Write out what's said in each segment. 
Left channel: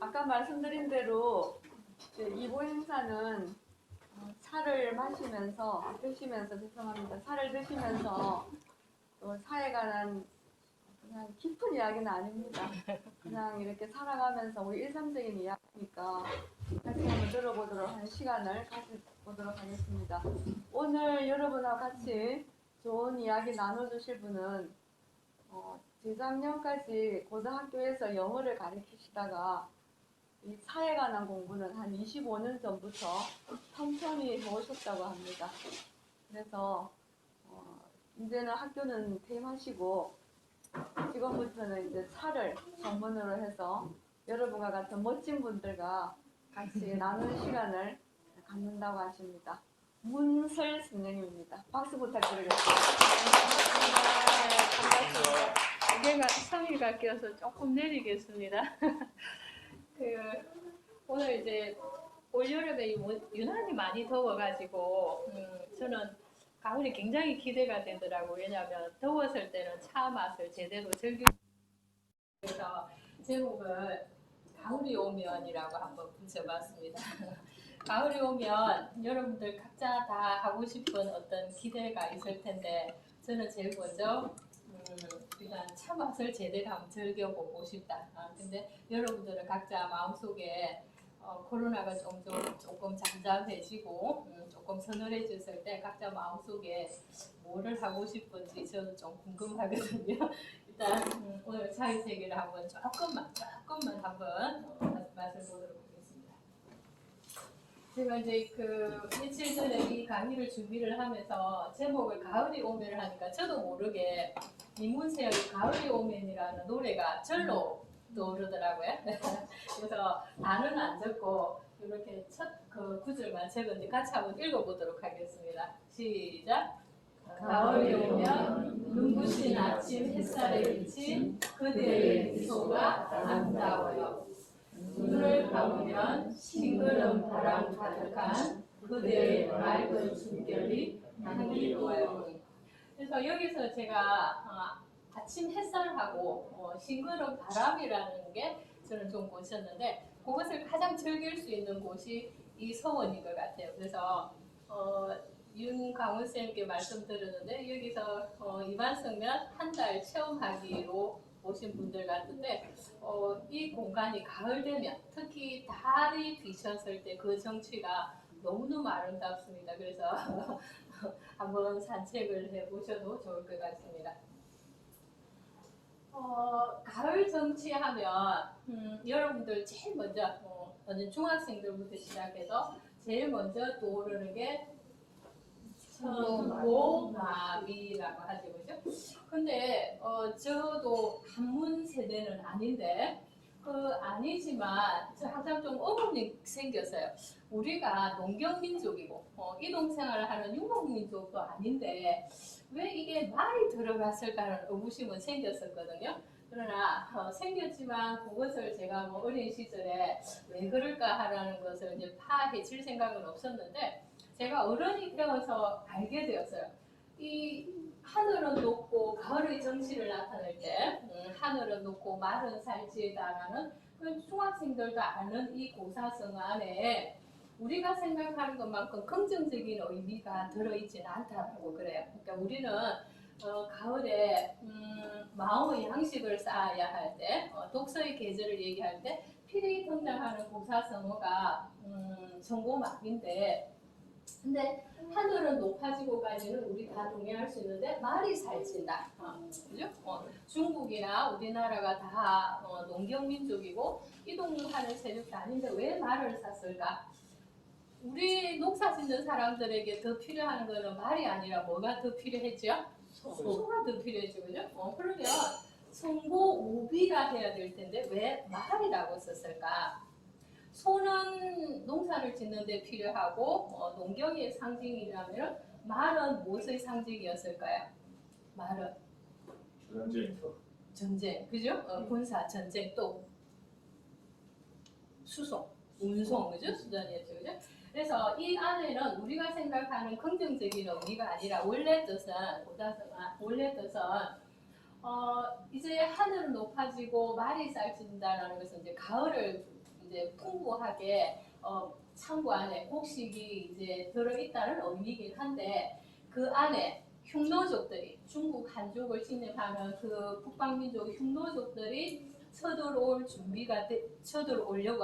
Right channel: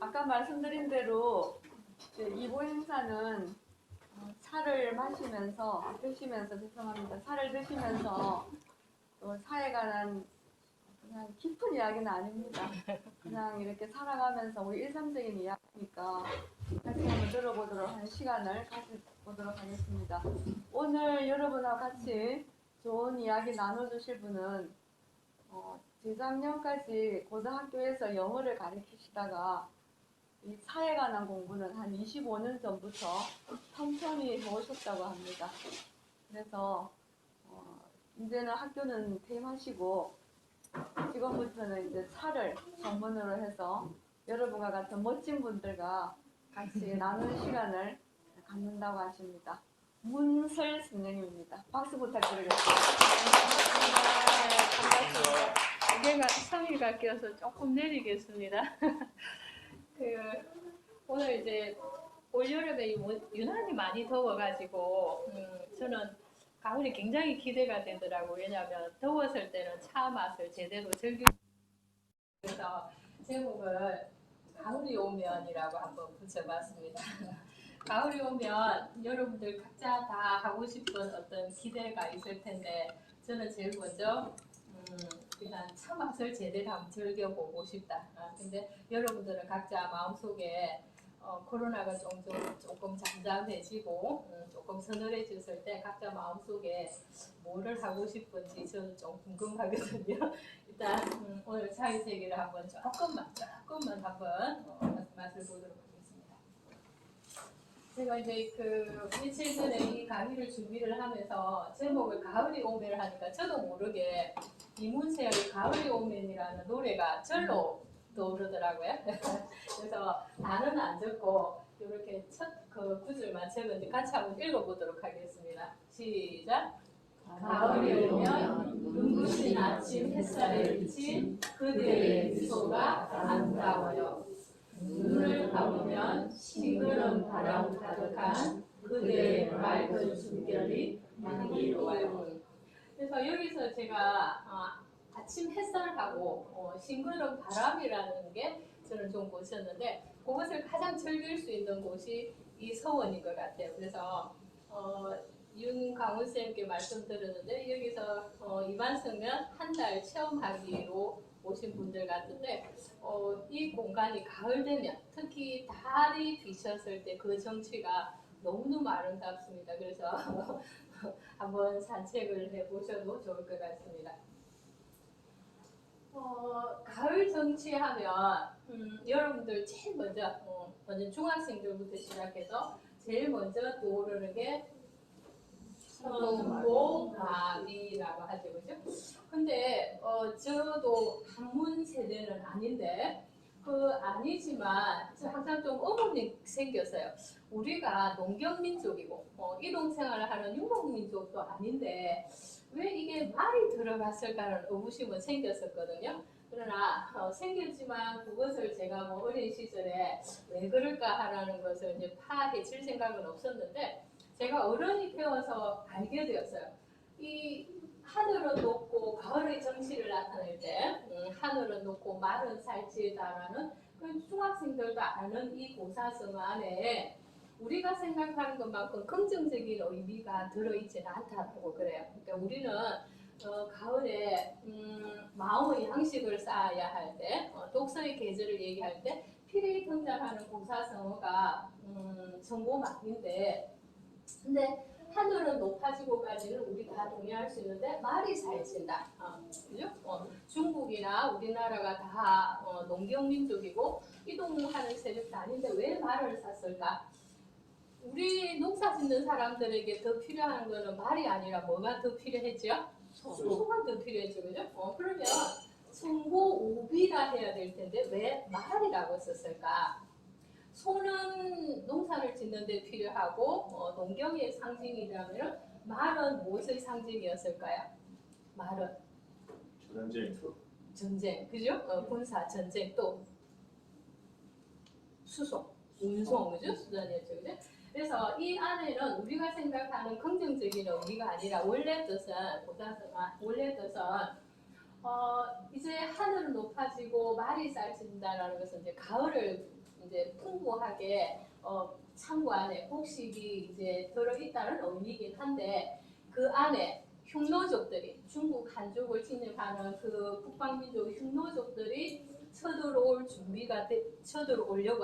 아까 말씀드린 대로 이보 행사는 차를 드시면서 죄송합니다. 차를 드시면서 또 사에 관한 그냥 깊은 이야기는 아닙니다. 그냥 이렇게 살아가면서 우리 일상적인 이야기니까 같이 한번 들어보도록 하는 시간을 가져보도록 하겠습니다. 오늘 여러분하고 같이 좋은 이야기 나눠주실 분은 재작년까지 고등학교에서 영어를 가르치시다가 이 사에 관한 공부는 한 25년 전부터 천천히 해오셨다고 합니다. 그래서 이제는 학교는 퇴임하시고 지금부터는 이제 차를 전문으로 해서 여러분과 같은 멋진 분들과 같이 나누는 시간을 갖는다고 하십니다. 문설 선생님입니다. 박수 부탁드리겠습니다. 반갑습니다. 무게가 성의가 끼어서 조금 내리겠습니다. 오늘 이제 올여름에 유난히 많이 더워가지고 저는 가을이 굉장히 기대가 되더라고요. 왜냐하면 더웠을 때는 차 맛을 제대로 즐길 수 있어서 제목을 가을이 오면이라고 한번 붙여봤습니다. 가을이 오면 여러분들 각자 다 하고 싶은 어떤 기대가 있을 텐데 저는 제일 먼저 일단 차 맛을 제대로 한번 즐겨보고 싶다. 근데 여러분들은 각자 마음속에 코로나가 조금 잠잠해지고 조금 서늘해졌을 때 각자 마음속에 뭐를 하고 싶은지 저는 좀 궁금하거든요. 일단 오늘 차의 세계를 한번 조금만 한번 맛을 보도록 하겠습니다. 제가 이제 며칠 전에 이 강의를 준비를 하면서 제목을 가을이 오면을 하니까 저도 모르게 이문세의 가을이 오면이라는 노래가 절로 떠오르더라고요. 그래서 단어는 안 적고 이렇게 첫 구절만 적은지 같이 한번 읽어보도록 하겠습니다. 시작. 가을이 오면 눈부신 아침 햇살에 비친 그대의 미소가 아름다워요. 눈을 감으면 싱그러운 바람 가득한 그대의 맑은 숨결이 향기로워요. 그래서 여기서 제가 아침 햇살하고 싱그러운 바람이라는 게 저는 좀 꽂혔는데 그것을 가장 즐길 수 있는 곳이 이 서원인 것 같아요. 그래서 윤강훈 쌤께 말씀드렸는데 여기서 이반석면 한 달 체험하기로 오신 분들 같은데 이 공간이 가을 되면 특히 달이 비쳤을 때 그 정취가 너무너무 아름답습니다. 그래서 한번 산책을 해보셔도 좋을 것 같습니다. 가을 정취하면 여러분들 제일 먼저 중학생들부터 시작해서 제일 먼저 떠오르는 게 천고마비라고 하죠, 그죠? 근데 저도 한문 세대는 아닌데 아니지만 저 항상 좀 의문이 생겼어요. 우리가 농경민족이고 이동생활을 하는 유목민족도 아닌데 왜 이게 말이 들어갔을까라는 의구심은 생겼었거든요. 그러나 생겼지만 그것을 제가 어린 시절에 왜 그럴까 하라는 것을 이제 파헤칠 생각은 없었는데 제가 어른이 되어서 알게 되었어요. 이 하늘은 높고 가을의 정취를 나타낼 때 하늘은 높고 마른 살찌다라는 중학생들도 아는 이 고사성 안에 우리가 생각하는 것만큼 긍정적인 의미가 들어있지는 않다고 그래요. 그러니까 우리는 가을에 마음의 양식을 쌓아야 할 때, 독서의 계절을 얘기할 때 필히 등장하는 고사성어가 천고마비인데 근데 하늘은 높아지고 가지는 우리 다 동의할 수 있는데 말이 살찐다. 그죠? 중국이나 우리나라가 다 농경민족이고 이동하는 세력도 아닌데 왜 말을 샀을까? 우리 농사 짓는 사람들에게 더 필요한 거는 말이 아니라 뭐가 더 필요했죠? 소가 더 필요했죠. 그죠? 그러면 성고오비라 해야 될 텐데 왜 말이라고 썼을까? 소는 농사를 짓는 데 필요하고 농경의 상징이라면 말은 무엇의 상징이었을까요? 말은 전쟁, 그죠? 군사 전쟁 또 수송, 운송, 그죠? 수단이었죠, 그죠? 그래서 이 안에는 우리가 생각하는 긍정적인 의미가 아니라 원래 뜻은 이제 하늘은 높아지고 말이 쌀진다라는 것은 이제 가을을 이제 풍부하게 창고 안에 곡식이 이제 들어있다는 의미이긴 한데 그 안에 흉노족들이 중국 한족을 침략하는 그 북방민족 흉노족들이 쳐들어오려고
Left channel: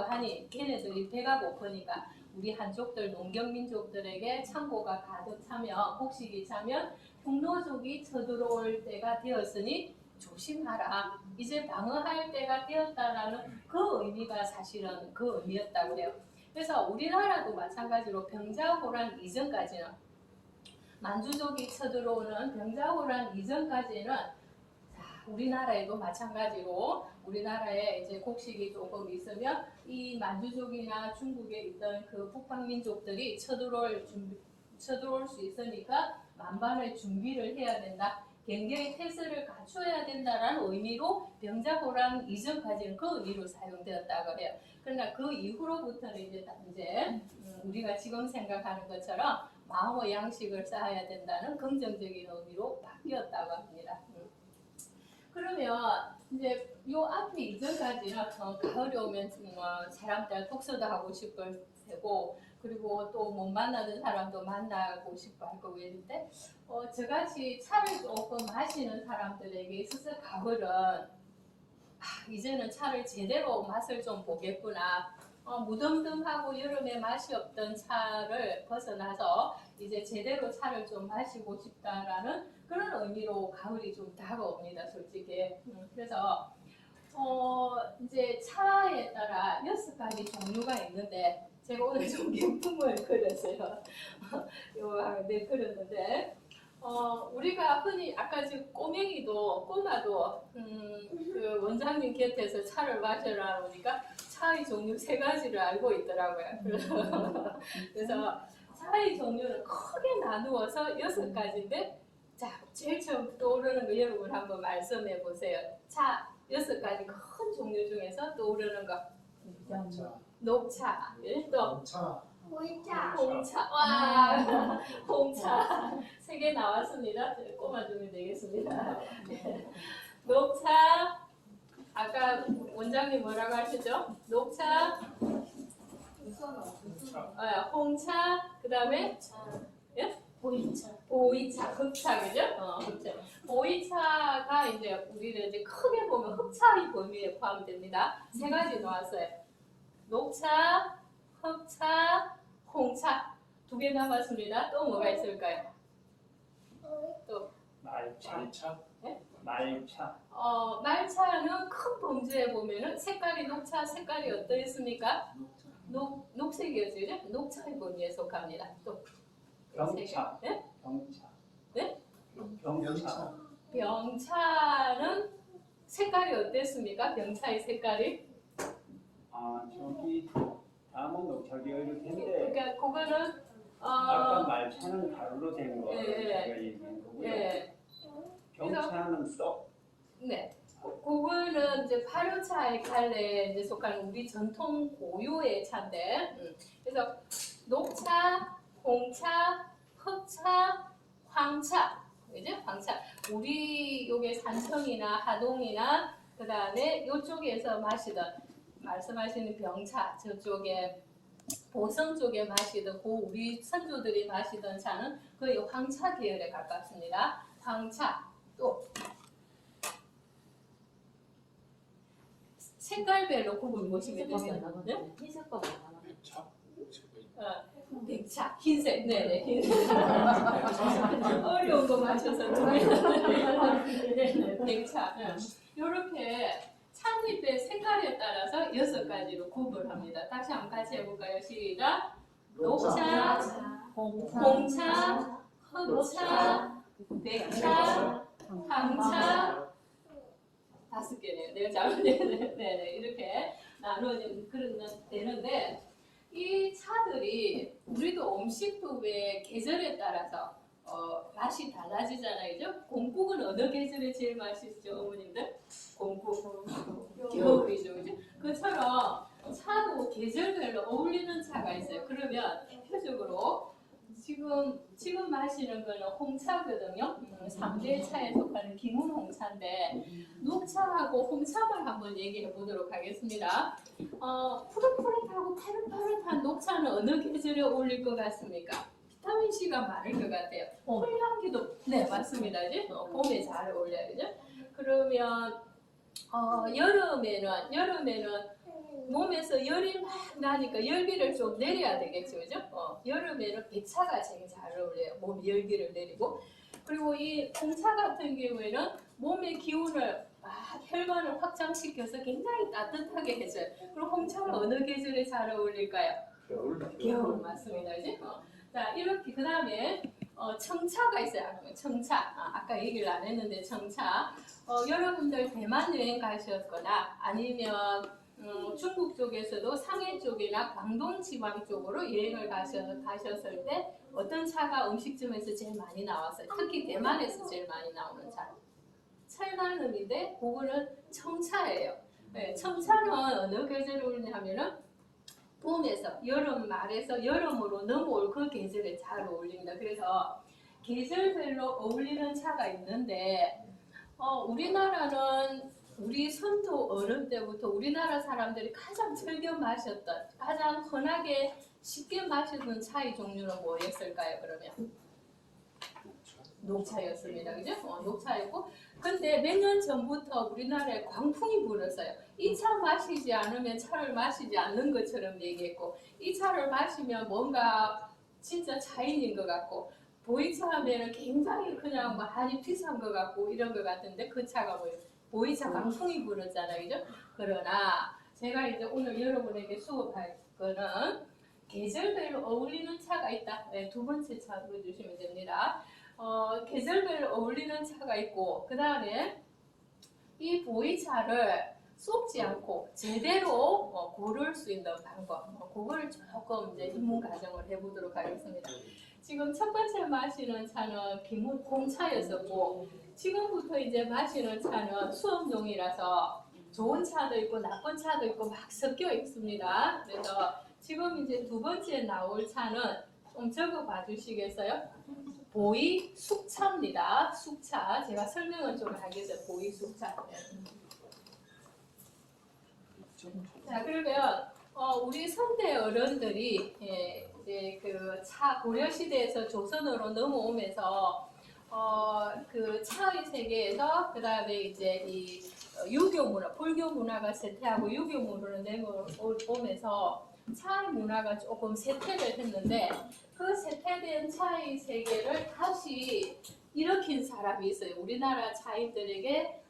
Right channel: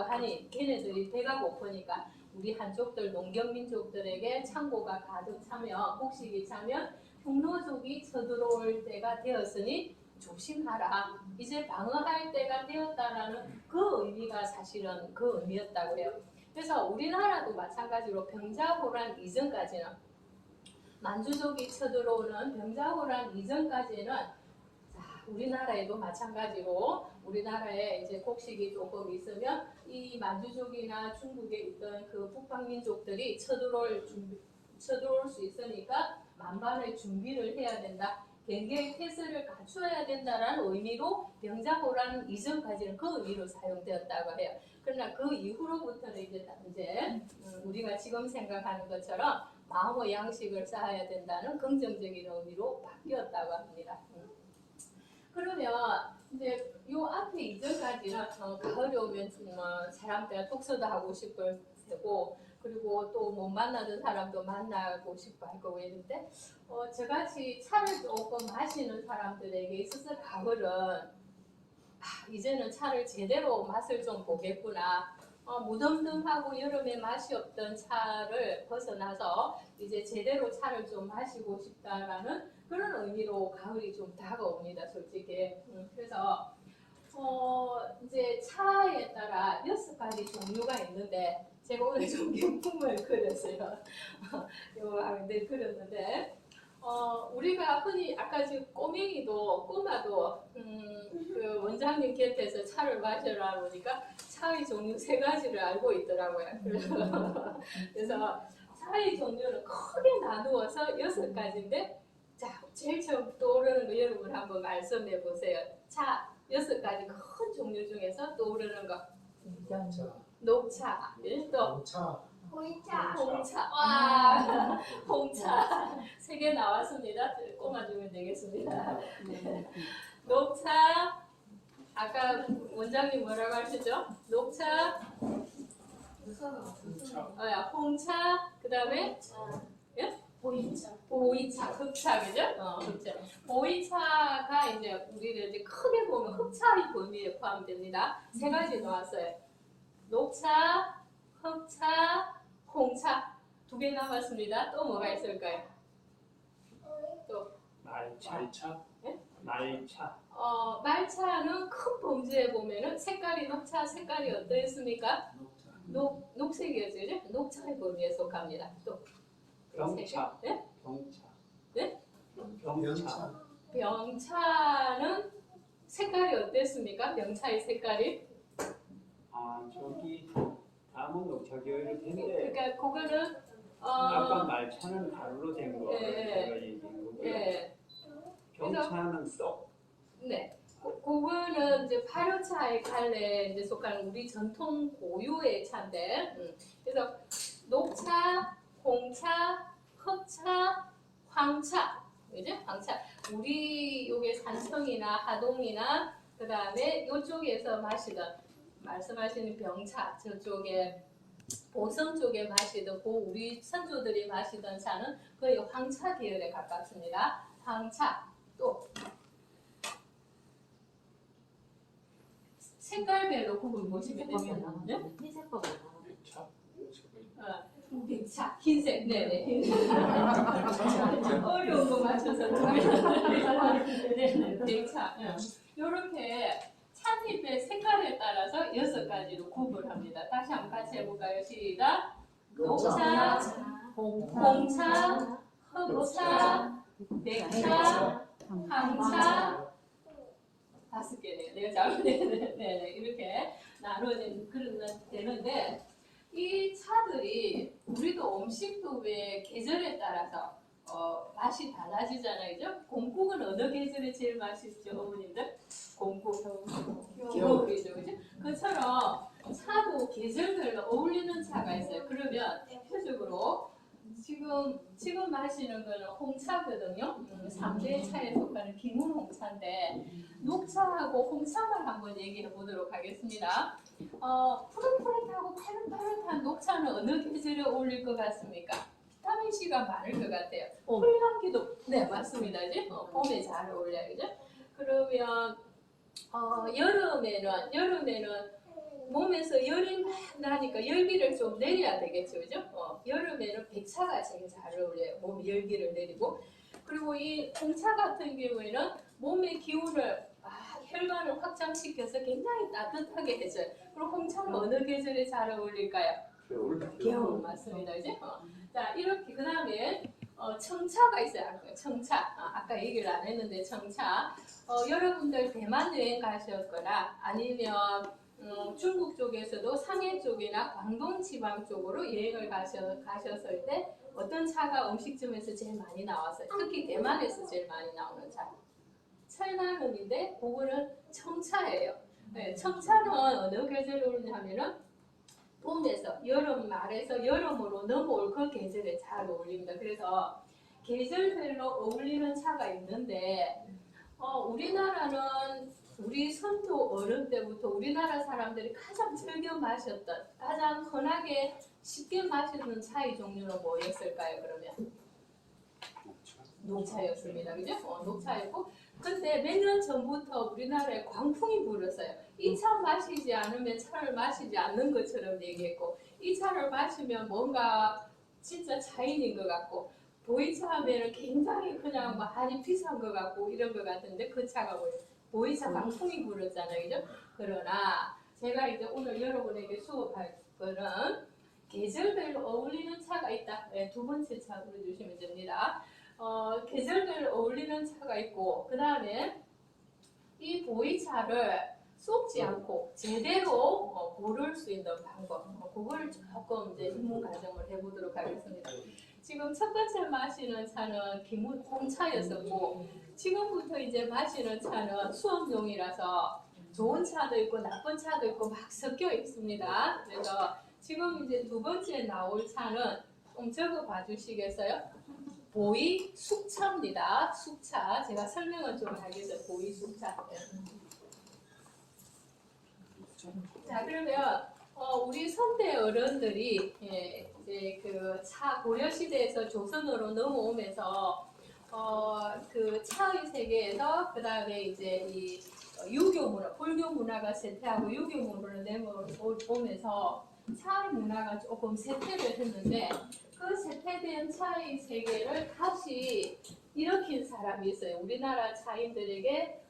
하니 걔네들이 배가 고프니까 우리 한족들 농경민족들에게 창고가 가득 차면 곡식이 차면 흉노족이 쳐들어올 때가 되었으니 조심하라. 이제 방어할 때가 되었다라는 그 의미가 사실은 그 의미였다고 해요. 그래서 우리나라도 마찬가지로 병자호란 이전까지는 만주족이 쳐들어오는 병자호란 이전까지는 우리나라에도 마찬가지로 우리나라에 이제 곡식이 조금 있으면 이 만주족이나 중국에 있던 그 북방민족들이 쳐들어올 수 있으니까 만반의 준비를 해야 된다. 경계의 태세를 갖춰야 된다라는 의미로 병자호란 이전까지는 그 의미로 사용되었다고 해요. 그러나 그 이후로부터는 이제 우리가 지금 생각하는 것처럼 마음의 양식을 쌓아야 된다는 긍정적인 의미로 바뀌었다고 합니다. 그러면 이제 요 앞에 이전까지는 가을이 오면 사람들 독서도 하고 싶을 테고 그리고 또 못 만나던 사람도 만나고 싶어 할 거고 이런데 저같이 차를 조금 마시는 사람들에게 있어서 가을은 이제는 차를 제대로 맛을 좀 보겠구나. 무덤덤하고 여름에 맛이 없던 차를 벗어나서 이제 제대로 차를 좀 마시고 싶다라는 그런 의미로 가을이 좀 다가옵니다, 솔직히. 그래서 이제 차에 따라 6가지 종류가 있는데 제가 오늘 좀 경품을 그렸어요. 네, 그렸는데 우리가 흔히 아까 지금 꼬마도 그 원장님 곁에서 차를 마셔라 보니까 차의 종류 3가지를 알고 있더라고요. 그래서 차의 종류는 크게 나누어서 6가지인데 자, 제일 처음 떠오르는 거 여러분 한번 말씀해 보세요. 차 6가지 큰 종류 중에서 떠오르는 거. 녹차, 또 홍차, 와, 홍차 3개 나왔습니다. 꼽아주면 되겠습니다. 녹차, 아까 원장님 뭐라고 하셨죠? 녹차, 홍차, 그 다음에 보이차, 흑차, 그죠? 흑차. 보이차가 이제 우리는 이제 크게 보면 흑차의 범위에 포함됩니다. 3가지 나왔어요. 녹차, 흑차, 홍차 2개 남았습니다. 또 뭐가 있을까요? 또 말차. 네? 말차. 말차는 큰 봉지에 보면은 색깔이 녹차 색깔이 어떠했습니까? 녹색이었죠, 그죠? 녹차의 범위에 속합니다. 또 병차. 네? 병차. 네? 병차. 병차는 색깔이 어땠습니까? 병차의 색깔이? 저기 다음은 녹차계열일 텐데 그러니까 그거는 아까 말차는 가루로 된 거 네. 제가 얘기한 거고요. 네. 병차는 썩. 네. 그거는 이제 발효차의 갈래에 이제 속하는 우리 전통 고유의 차인데, 그래서 녹차, 홍차, 흑차, 황차, 그죠? 황차. 우리 요게 산청이나 하동이나 그 다음에 요쪽에서 말씀하시는 병차, 저쪽에 보성 쪽에 마시던 우리 선조들이 마시던 차는 거의 황차 계열에 가깝습니다. 황차. 또 색깔별로 구분 보시면 되죠. 네? 흰색보다 백차, 흰색, 네네, 흰색. 어려운 거 맞춰서 네네, 백차. 이렇게 찻잎의 색깔에 따라서 6가지로 구분합니다. 다시 한번 같이 해볼까요? 시작. 녹차, 홍차, 흑차, 백차, 황차. 5개네요. 내가 잘못했네. 네, 이렇게 되는데 이 차들이 우리도 음식도 왜 계절에 따라서 맛이 달라지잖아요. 그죠? 곰국은 어느 계절에 제일 맛있죠, 어머님들? 곰국. 겨울이죠, 그죠? 그처럼 차도 계절별로 어울리는 차가 있어요. 그러면 대표적으로 지금 지금 마시는 거는 홍차거든요. 3대 차에 속하는 기문 홍차인데 녹차하고 홍차만 한번 얘기해 보도록 하겠습니다. 푸릇푸릇하고 파릇파릇한 녹차는 어느 계절에 어울릴 것 같습니까? 비타민 C가 많을 것 같아요. 홀향기도 네 맞습니다. 이제 봄에 잘 어울려요. 그죠? 그러면 여름에는 몸에서 열이 막 나니까 열기를 좀 내려야 되겠죠, 그죠? 여름에는 백차가 제일 잘 어울려요. 몸에 열기를 내리고. 그리고 이 홍차 같은 경우에는 몸의 기운을 혈관을 확장시켜서 굉장히 따뜻하게 해줘요. 그럼 홍차는 어느 계절에 잘 어울릴까요? 겨울 맞습니다, 그죠? 자 이렇게 그 다음에 청차가 있어요. 청차. 아까 얘기를 안 했는데 청차. 여러분들 대만 여행 가셨거나 아니면 중국 쪽에서도 상해 쪽이나 광동 지방 쪽으로 여행을 가셨을 때 어떤 차가 음식점에서 제일 많이 나왔어요. 특히 대만에서 제일 많이 나오는 차. 철나름인데 그거는 청차예요. 네, 청차는 어느 계절에 오르냐면은 봄에서 여름 말에서 여름으로 넘어올 그 계절에 잘 어울립니다. 그래서 계절별로 어울리는 차가 있는데 우리나라는 우리 선조 어른 때부터 우리나라 사람들이 가장 즐겨 마셨던 가장 흔하게 쉽게 마시던 차의 종류는 뭐였을까요? 그러면 녹차였습니다. 그죠? 녹차였고 근데 몇 년 전부터 우리나라에 광풍이 불었어요. 이 차 마시지 않으면 차를 마시지 않는 것처럼 얘기했고 이 차를 마시면 뭔가 진짜 차인인 것 같고 보이차 하면은 굉장히 그냥 많이 비싼 것 같고 이런 것 같은데 그 차가 뭐예요? 보이차 광풍이 불었잖아요. 그죠? 그러나 제가 이제 오늘 여러분에게 수업할 거는 계절별로 어울리는 차가 있다. 네, 두 번째 차 들어주시면 됩니다. 계절별로 어울리는 차가 있고 그 다음에 이 보이차를 쏟지 않고 제대로 고를 수 있는 방법 그거를 조금 이제 입문 과정을 해보도록 하겠습니다. 지금 첫 번째 마시는 차는 기문 홍차였었고 지금부터 이제 마시는 차는 수업용이라서 좋은 차도 있고 나쁜 차도 있고 막 섞여 있습니다. 그래서 지금 이제 두 번째 나올 차는 좀 적어 봐 주시겠어요? 보이 숙차입니다. 숙차. 제가 설명을 좀 하겠어요. 보이 숙차. 자, 그러면 우리 선대 어른들이 이제 그 차 고려 시대에서 조선으로 넘어오면서 그 차의 세계에서 그 다음에 이제 이 유교 문화, 불교 문화가 쇠퇴하고 유교 문화로 넘어오면서 차의 문화가 조금 쇠퇴를 했는데 그 쇠퇴된 차의 세계를 다시 일으킨 사람이 있어요. 우리나라 차인들에게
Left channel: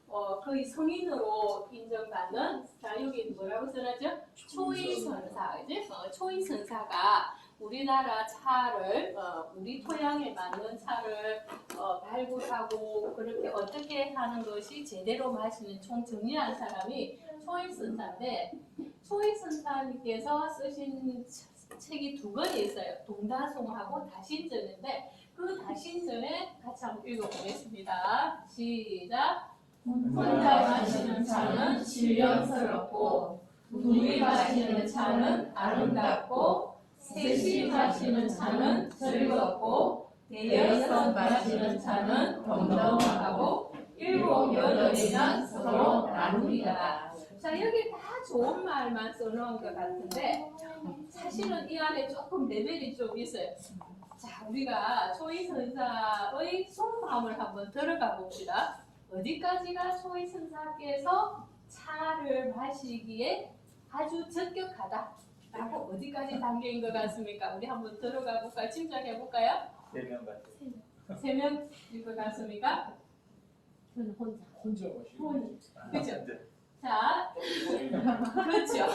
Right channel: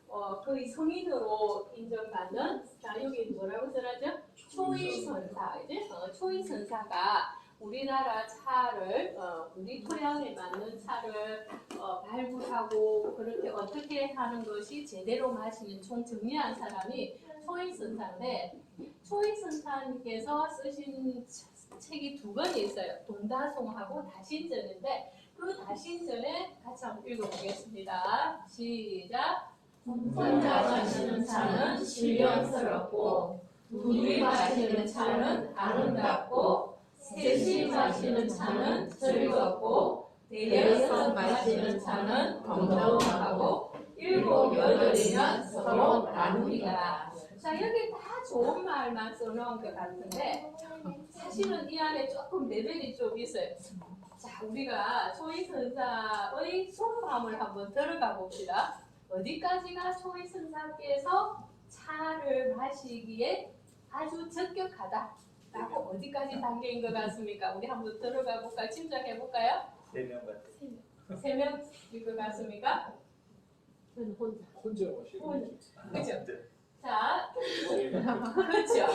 거의 성인으로 인정받는 자 여기 뭐라고 써놨죠? 초이선사 이제 초이선사가 우리나라 차를 우리 토양에 맞는 차를 발굴하고 그렇게 어떻게 하는 것이 제대로 마시는 총 정리한 사람이 초이선사인데 초이선사님께서 쓰신 책이 두 권이 있어요. 동다송하고 다신전인데 그 다신전에 같이 한번 읽어보겠습니다. 시작. 혼자 마시는 차는 신령스럽고 둘이 마시는 차는 아름답고 셋이 마시는 차는 즐겁고 대여섯 마시는 차는 건강하고 일곱 여덟이면 서로 나누리라. 자 여기 다 좋은 말만 써놓은 것 같은데 사실은 이 안에 조금 레벨이 좀 있어요. 자 우리가 초이선사의 속마음을 한번 들어가 봅시다. 어디까지가 초이선사께서 차를 마시기에 아주 적격하다 라고 어디까지 단계인 것 같습니까? 우리 한번 들어가 볼까요? 짐작해 볼까요? 3명 같아요. 3명일 것 같습니까? 혼자 오시고. 그죠? 자, 그렇죠.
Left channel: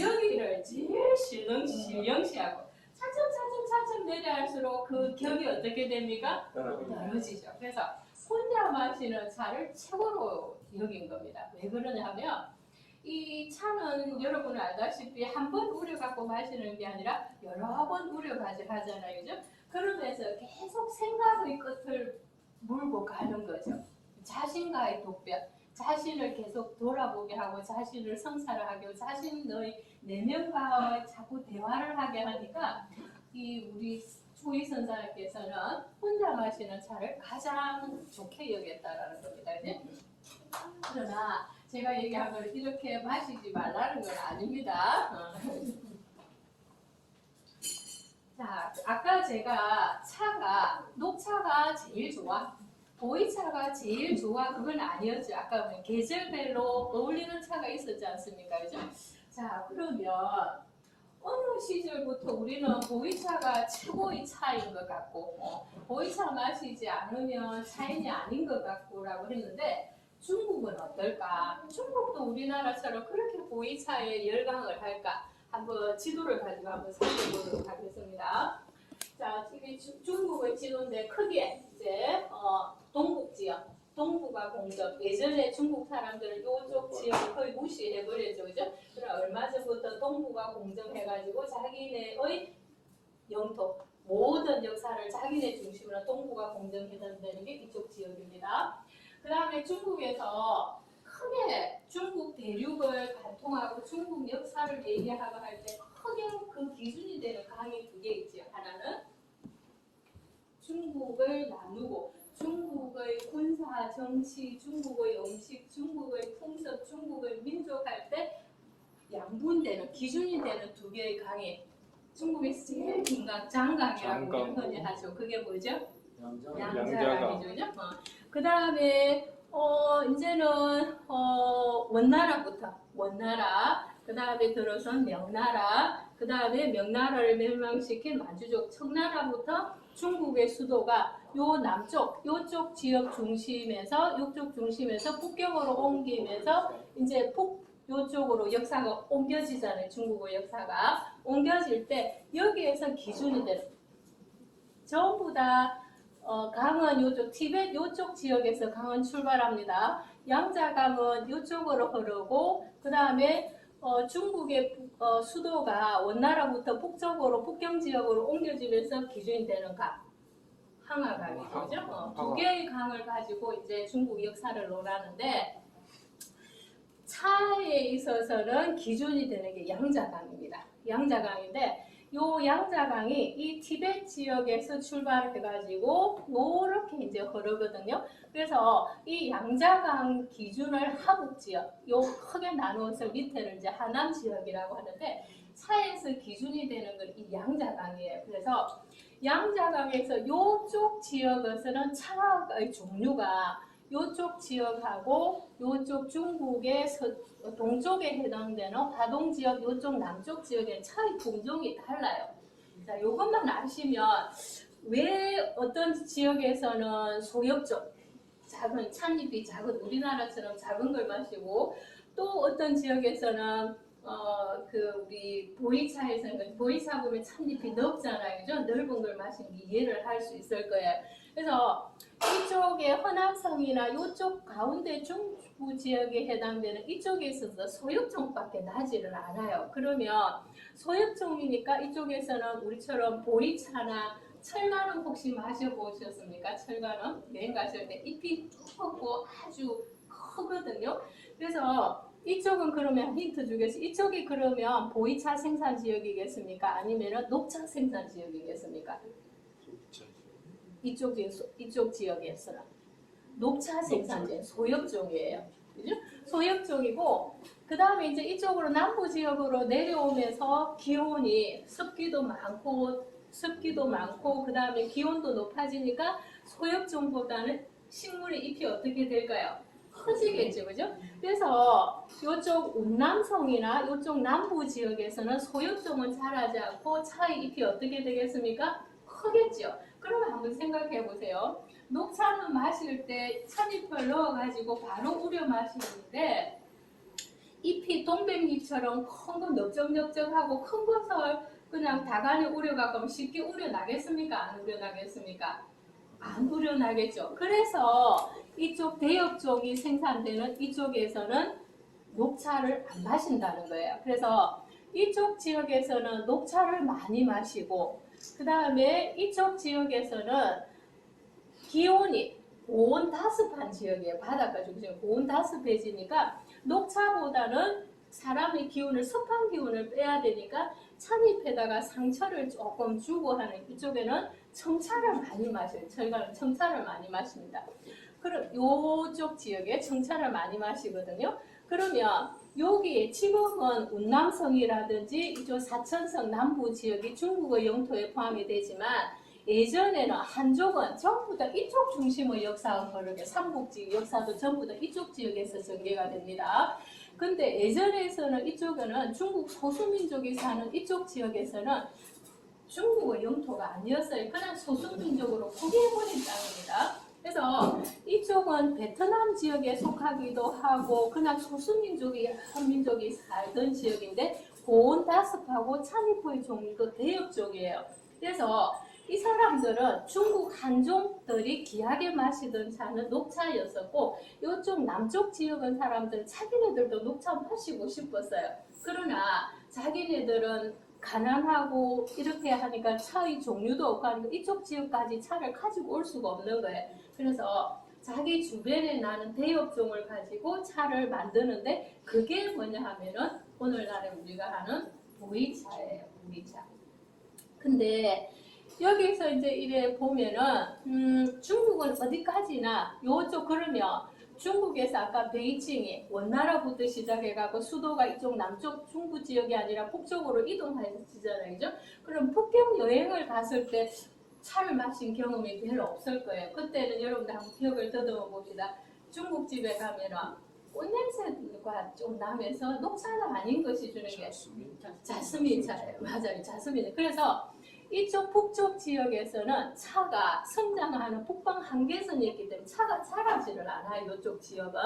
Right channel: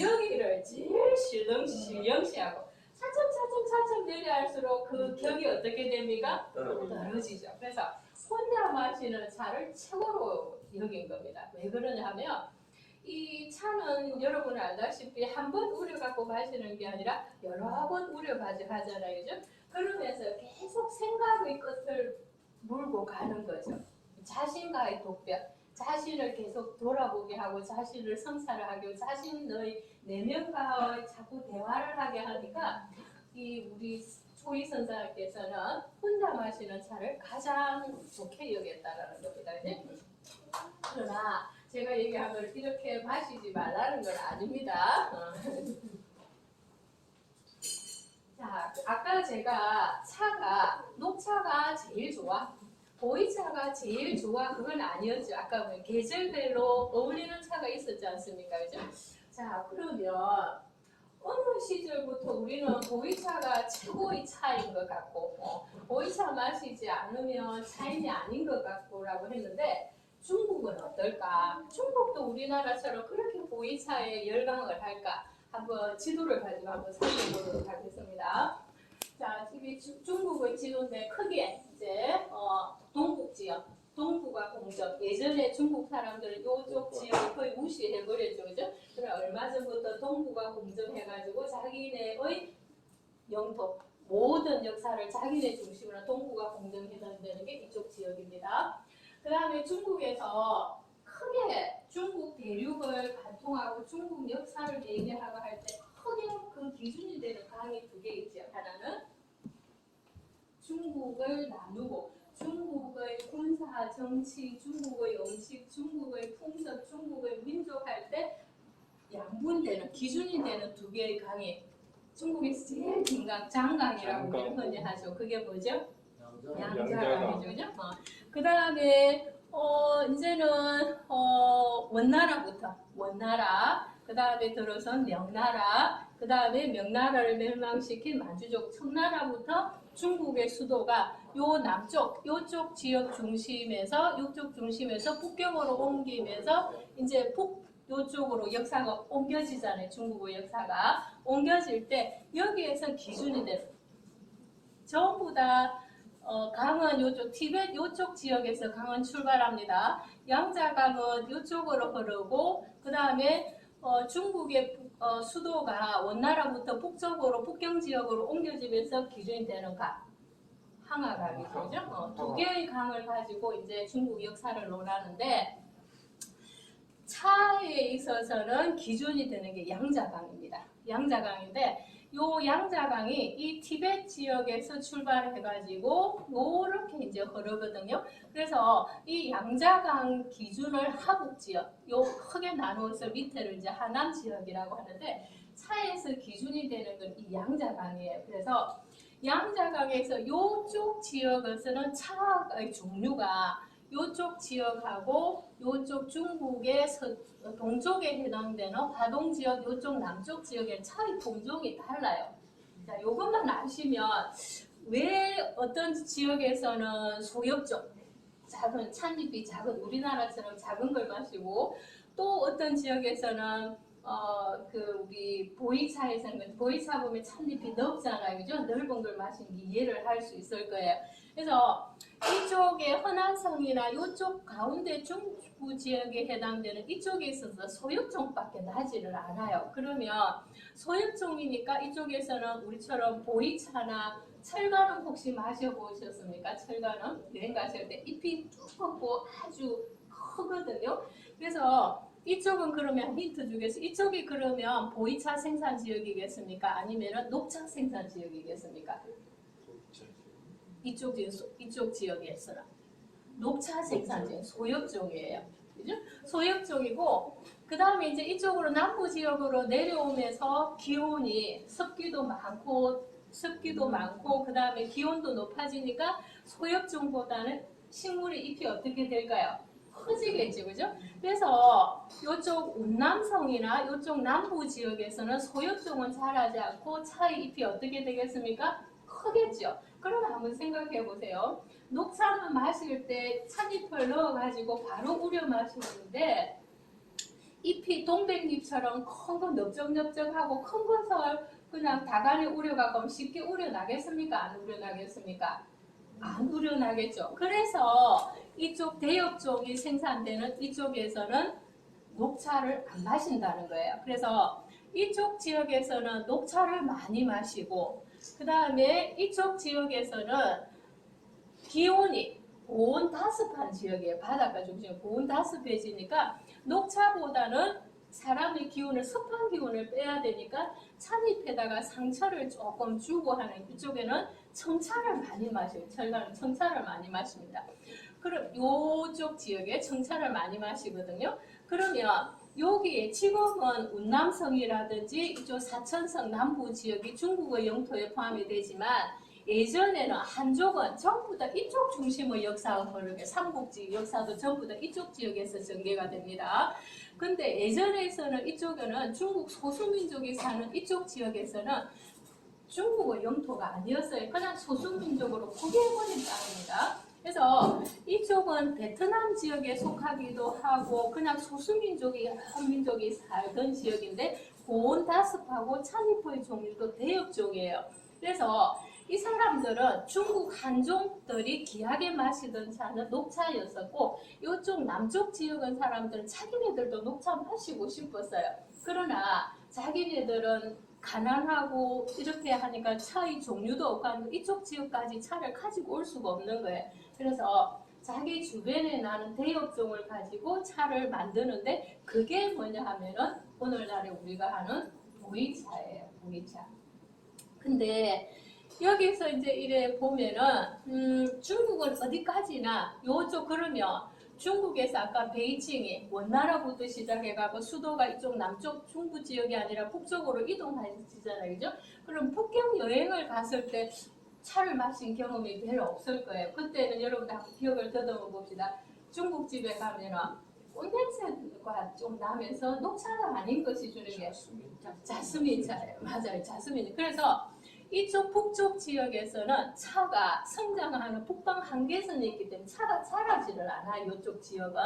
여기를 제일 신령시하고 차츰 내려갈수록 그 격이 어떻게 됩니까? 떨어지죠. 그래서 혼자 마시는 차를 최고로 여긴 겁니다. 왜 그러냐면 이 차는 여러분 알다시피 한 번 우려갖고 마시는 게 아니라 여러 번 우려가지고 하잖아요. 그죠? 그러면서 계속 생각의 끝을 물고 가는 거죠. 자신과의 독백, 자신을 계속 돌아보게 하고 자신을 성찰하게 하고 자신의 내면과 자꾸 대화를 하게 하니까 이 우리 초이 선사님께서는 혼자 마시는 차를 가장 좋게 여겼다라는 겁니다. 이제. 그러나 제가 얘기한 걸 이렇게 마시지 말라는 건 아닙니다. 자, 아까 제가 차가 녹차가 제일 좋아, 보이차가 제일 좋아 그건 아니었죠. 아까 보면 계절별로 어울리는 차가 있었지 않습니까? 그죠? 자, 그러면 어느 시절부터 우리는 보이차가 최고의 차인 것 같고 보이차 마시지 않으면 차인이 아닌 것 같고라고 했는데 중국은 어떨까? 중국도 우리나라처럼 그렇게 보이차에 열광을 할까? 한번 지도를 가지고 한번 살펴보도록 하겠습니다. 자, 이게 중국의 지도인데 크게 이제 동북 지역, 동북아 공적. 예전에 중국 사람들은 이쪽 지역을 거의 무시해버렸죠, 그죠? 그러나 얼마 전부터 동북아 공정해가지고 자기네의 영토, 모든 역사를 자기네 중심으로 동북아 공정해낸다는 게 이쪽 지역입니다. 그 다음에 중국에서 크게 중국 대륙을 관통하고 중국 역사를 얘기하고 할 때 크게 그 기준이 되는 강이 두 개 있죠. 하나는 중국을 나누고 중국의 군사, 정치, 중국의 음식, 중국의 풍습, 중국의 민족 할 때 양분되는 기준이 되는 두 개의 강이 중국에서 제일 긴 강, 장강이라고 우리는 흔히 하죠. 그게 뭐죠? 양자강이죠, 그죠? 그 다음에 이제는 원나라부터 원나라, 그 다음에 들어선 명나라, 그 다음에 명나라를 멸망시킨 만주족 청나라부터 중국의 수도가 요 남쪽, 요쪽 지역 중심에서 요쪽 중심에서 북경으로 옮기면서 이제 요쪽으로 역사가 옮겨지잖아요. 중국의 역사가 옮겨질 때 여기에서 기준이 되는 전부 다 강은 요쪽 티베트 요쪽 지역에서 강은 출발합니다. 양자강은 요쪽으로 흐르고 그 다음에 중국의 수도가 원나라부터 북쪽으로 북경 지역으로 옮겨지면서 기준이 되는 강, 항하강이죠. 그죠? 두 개의 강을 가지고 이제 중국 역사를 논하는데 차에 있어서는 기준이 되는 게 양자강입니다. 양자강인데 요 양자강이 이 티베트 지역에서 출발해가지고 요렇게 이제 흐르거든요. 그래서 이 양자강 기준을 하북 지역, 요 크게 나누어서 밑에를 이제 하남 지역이라고 하는데 차에서 기준이 되는 건 이 양자강이에요. 그래서 양자강에서 요쪽 지역에서는 차의 종류가 요쪽 지역하고 요쪽 중국의 동쪽에 해당되는 화동 지역, 요쪽 남쪽 지역의 차의 품종이 달라요. 자, 요것만 아시면 왜 어떤 지역에서는 소엽종, 작은 찻잎이 작은 우리나라처럼 작은 걸 마시고 또 어떤 지역에서는 우리 보이차에서는 보이차 보면 찻잎이 넓잖아요, 그죠? 넓은 걸 마시는 게 이해를 할 수 있을 거예요. 그래서 이쪽에 허남성이나 이쪽 가운데 중부 지역에 해당되는 이쪽에 있어서 소엽종밖에 나지를 않아요. 그러면 소엽종이니까 이쪽에서는 우리처럼 보이차나 철가는 혹시 마셔보셨습니까? 철가는 여행 가실 때 잎이 두껍고 아주 크거든요. 그래서 이쪽은 그러면 힌트 주겠습니다. 이쪽이 그러면 보이차 생산 지역이겠습니까? 아니면 녹차 생산 지역이겠습니까? 이쪽 지역에서는 녹차 생산지 소엽종이에요. 그죠? 소엽종이고 그 다음에 이제 이쪽으로 남부 지역으로 내려오면서 기온이 습기도 많고 그 다음에 기온도 높아지니까 소엽종보다는 식물의 잎이 어떻게 될까요? 커지겠죠, 그죠? 그래서 이쪽 운남성이나 이쪽 남부 지역에서는 소엽종은 자라지 않고 차의 잎이 어떻게 되겠습니까? 크겠죠. 그러면 한번 생각해 보세요. 녹차는 마실 때 찻잎을 넣어가지고 바로 우려 마시는데 잎이 동백잎처럼 큰 거 넓적넓적하고 큰 것을 그냥 다간에 우려가면 쉽게 우려나겠습니까? 안 우려나겠습니까? 안 우려나겠죠. 그래서 이쪽 대엽종이 생산되는 이쪽에서는 녹차를 안 마신다는 거예요. 그래서 이쪽 지역에서는 녹차를 많이 마시고 그 다음에 이쪽 지역에서는 기온이 고온 다습한 지역이에요. 바닷가 중심 고온 다습해지니까 녹차보다는 사람의 기운을 습한 기운을 빼야 되니까 찻잎에다가 상처를 조금 주고 하는 이쪽에는 청차를 많이 마셔요. 철가는 청차를 많이 마십니다. 그럼 요쪽 지역에 청차를 많이 마시거든요. 그러면 여기 지금은 운남성이라든지 이쪽 사천성 남부 지역이 중국의 영토에 포함이 되지만 예전에는 한족은 전부 다 이쪽 중심의 역사가 흐르게 삼국지 역사도 전부 다 이쪽 지역에서 전개가 됩니다. 근데 예전에서는 이쪽에는 중국 소수민족이 사는 이쪽 지역에서는 중국의 영토가 아니었어요. 그냥 소수민족으로 포기해버린 땅입니다. 그래서 이쪽은 베트남 지역에 속하기도 하고 그냥 소수민족이 한 민족이 살던 지역인데 고온다습하고 찬이프의 종류도 대역종이에요. 그래서 이 사람들은 중국 한족들이 귀하게 마시던 차는 녹차였었고 이쪽 남쪽 지역은 사람들은 자기네들도 녹차 마시고 싶었어요. 그러나 자기네들은 가난하고 이렇게 하니까 차의 종류도 없고 하니까 이쪽 지역까지 차를 가지고 올 수가 없는 거예요. 그래서 자기 주변에 나는 대역종을 가지고 차를 만드는데 그게 뭐냐 하면은 오늘날에 우리가 하는 보이차예요. 보이차. 근데 여기서 이제 이래 보면은 중국은 어디까지나 요쪽 그러면 중국에서 아까 베이징이 원나라부터 시작해가고 수도가 이쪽 남쪽 중부 지역이 아니라 북쪽으로 이동하시잖아요, 그죠? 그럼 북경 여행을 갔을 때 차를 마신 경험이 별로 없을 거예요. 그때는 여러분들 한번 기억을 더듬어 봅시다. 중국집에 가면은 꽃냄새가 좀 나면서 녹차가 아닌 것이 주는 게 자스민 차예요. 맞아요, 자스민. 그래서 이쪽 북쪽 지역에서는 차가 성장하는 북방 한계선이 있기 때문에 차가 자라지를 않아요. 이쪽 지역은.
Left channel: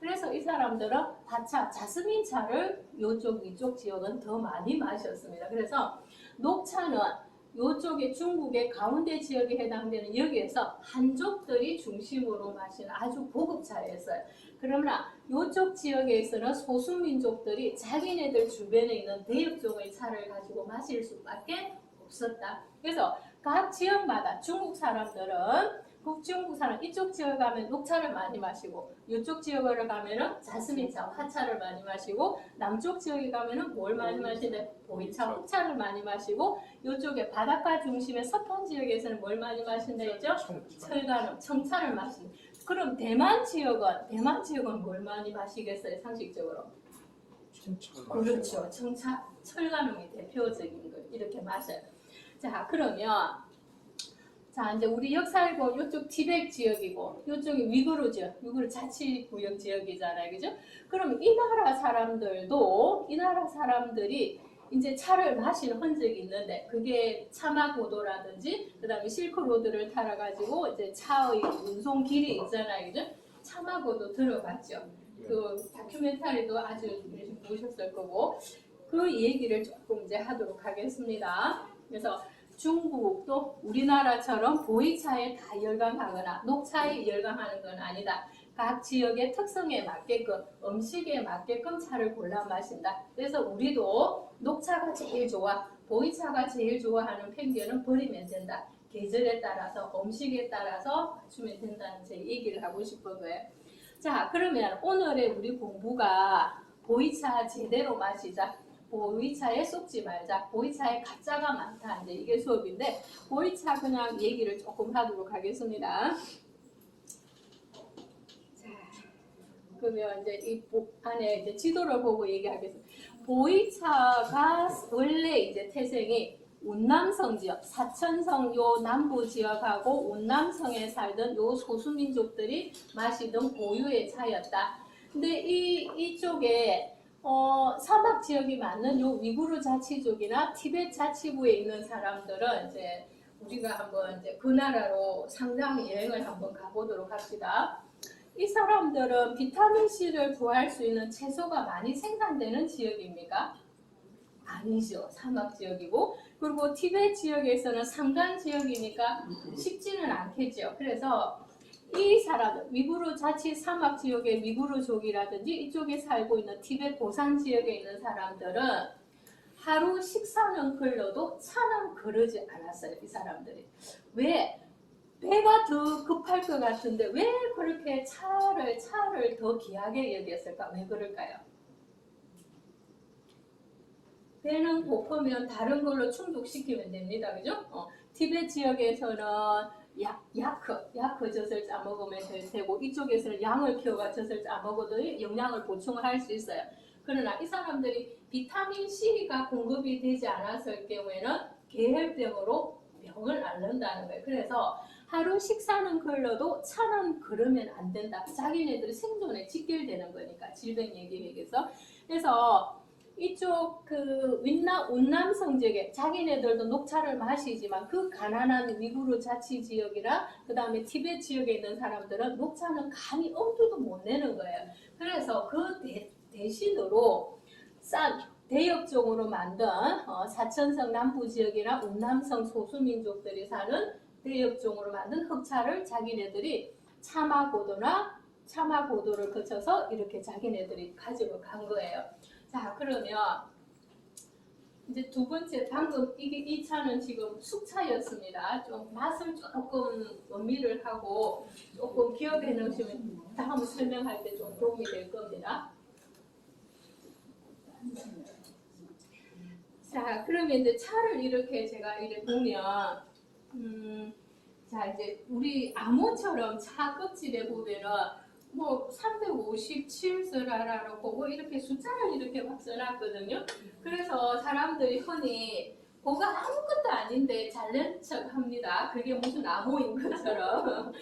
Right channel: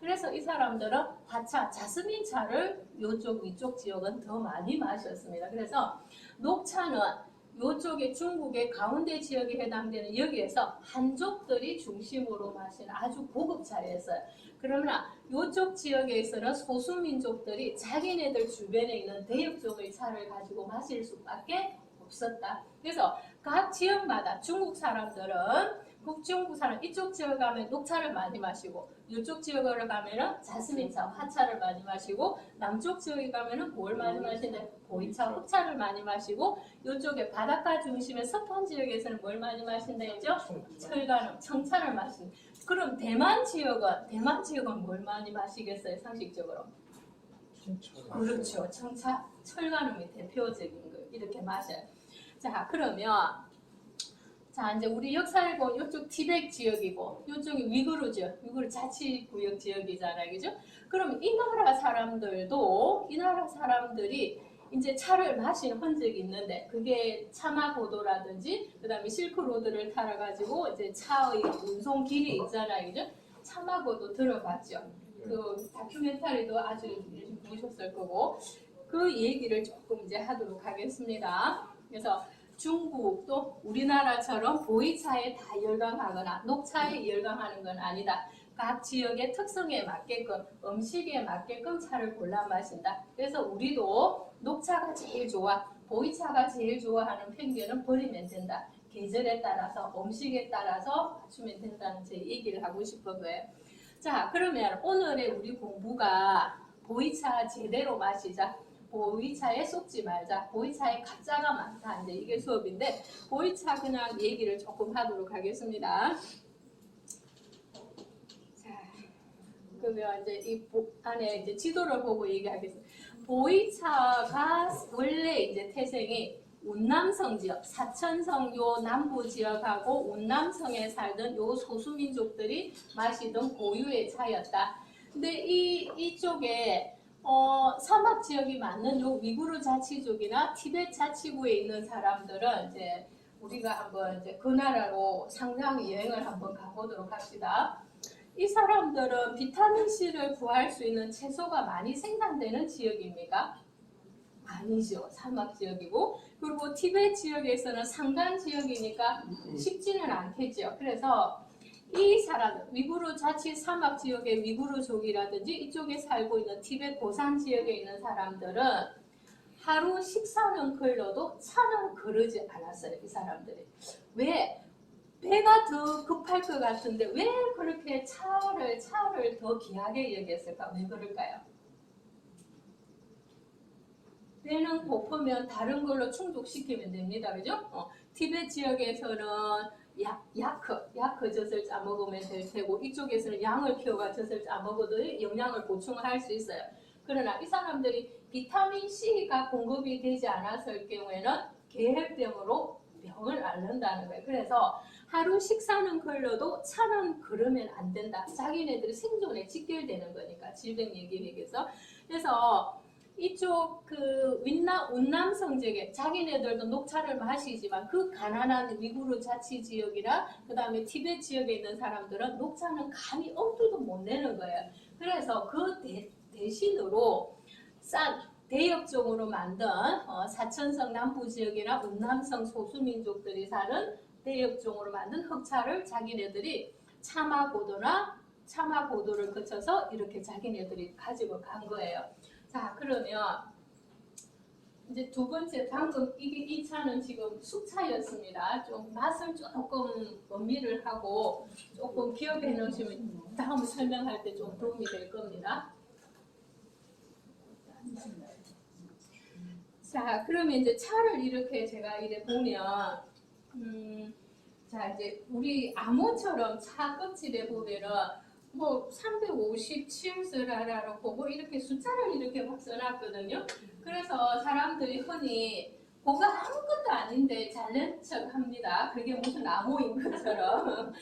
그래서 이 사람들은 다차, 자스민 차를 이쪽 지역은 더 많이 마셨습니다. 그래서 녹차는 이쪽에 중국의 가운데 지역에 해당되는 여기에서 한족들이 중심으로 마시는 아주 고급 차였어요. 그러나 이쪽 지역에서는 소수민족들이 자기네들 주변에 있는 대역종의 차를 가지고 마실 수밖에 없었다. 그래서 각 지역마다 중국 사람들은 북중국 사람 이쪽 지역 가면 녹차를 많이 마시고 이쪽 지역을 가면은 자스민차, 화차를 많이 마시고 남쪽 지역에 가면은 뭘 많이 마시냐? 보이차, 흑차를 많이 마시고 이쪽에 바닷가 중심의 서편 지역에서는 뭘 많이 마신다죠? 철가름, 청차를 마시는. 그럼 대만 지역은 뭘 많이 마시겠어요? 상식적으로? 그렇죠. 청차, 철가름이 대표적인 거 이렇게 마셔요. 자, 그러면 자, 이제 우리 역사를 보면 이쪽 티베트 지역이고 이쪽이 위구르죠. 위구르 자치구역 지역이잖아요. 그죠? 그럼 이 나라 사람들이 이제 차를 마시는 흔적이 있는데 그게 차마고도라든지 그다음에 실크로드를 타러 가지고 이제 차의 운송 길이 있잖아요. 그죠? 차마고도 들어갔죠. 그 다큐멘터리도 아주 보셨을 거고 그 얘기를 조금 이제 하도록 하겠습니다. 그래서 중국도 우리나라처럼 보이차에 다 열광하거나 녹차에 열광하는 건 아니다. 각 지역의 특성에 맞게끔 음식에 맞게끔 차를 골라 마신다. 그래서 우리도 녹차가 제일 좋아, 보이차가 제일 좋아하는 편견은 버리면 된다. 계절에 따라서 음식에 따라서 맞추면 된다는 제 얘기를 하고 싶은 거예요. 자, 그러면 오늘의 우리 공부가 보이차 제대로 마시자. 보이차에 속지 말자. 보이차에 가짜가 많다. 이제 이게 수업인데 보이차 그냥 얘기를 조금 하도록 하겠습니다. 자, 그러면 이제 이 안에 이제 지도를 보고 얘기하겠습니다. 보이차가 원래 이제 태생이 운남성 지역, 사천성 요 남부 지역하고 운남성에 살던 요 소수민족들이 마시던 고유의 차였다. 근데 이쪽에 사막 지역이 많은 요 위구르 자치족이나 티베트 자치구에 있는 사람들은 이제 우리가 한번 이제 그 나라로 상당히 여행을 한번 가보도록 합시다. 이 사람들은 비타민 C를 구할 수 있는 채소가 많이 생산되는 지역입니까? 아니죠. 사막 지역이고 그리고 티베트 지역에서는 산간 지역이니까 쉽지는 않겠죠. 그래서 이 사람들 위구르 자치 사막 지역의 위구르족이라든지 이쪽에 살고 있는 티베트 고산 지역에 있는 사람들은 하루 식사는 걸러도 차는 거르지 않았어요. 이 사람들이. 왜? 배가 더 급할 것 같은데 왜 그렇게 차를 더 귀하게 여겼을까? 왜 그럴까요? 배는 고프면 다른 걸로 충족시키면 됩니다. 그죠? 티베트 지역에서는 야크 젖을 짜 먹으면 될 테고 이쪽에서는 양을 키워가 젖을 짜 먹어도 영양을 보충할 수 있어요. 그러나 이 사람들이 비타민 C가 공급이 되지 않았을 경우에는 계혈병으로 병을 앓는다는 거예요. 그래서 하루 식사는 걸러도 차는 걸으면 안 된다. 자기네들 생존에 직결되는 거니까 질병 얘기해서. 그래서 이쪽 그 운남성 지역에 자기네들도 녹차를 마시지만 그 가난한 위구르 자치 지역이나 그 다음에 티베트 지역에 있는 사람들은 녹차는 감히 엄두도 못 내는 거예요. 그래서 그 대신으로 싼 대역종으로 만든 사천성 남부 지역이나 운남성 소수민족들이 사는 대역종으로 만든 흑차를 자기네들이 차마고도를 거쳐서 이렇게 자기네들이 가지고 간 거예요. 자, 그러면 이제 두 번째 방금 이 차는 지금 숙차였습니다. 좀 맛을 조금 음미를 하고 조금 기억해 놓으시면 다음 설명할 때 좀 도움이 될 겁니다. 자, 그러면 이제 차를 이렇게 제가 이렇게 보면 자, 이제 우리 암호처럼 차 껍질에 보면은 뭐 357서라라고 보고 이렇게 숫자를 이렇게 막 써놨거든요. 그래서 사람들이 흔히 뭐가 아무것도 아닌데 잘난 척합니다. 그게 무슨 암호인 것처럼.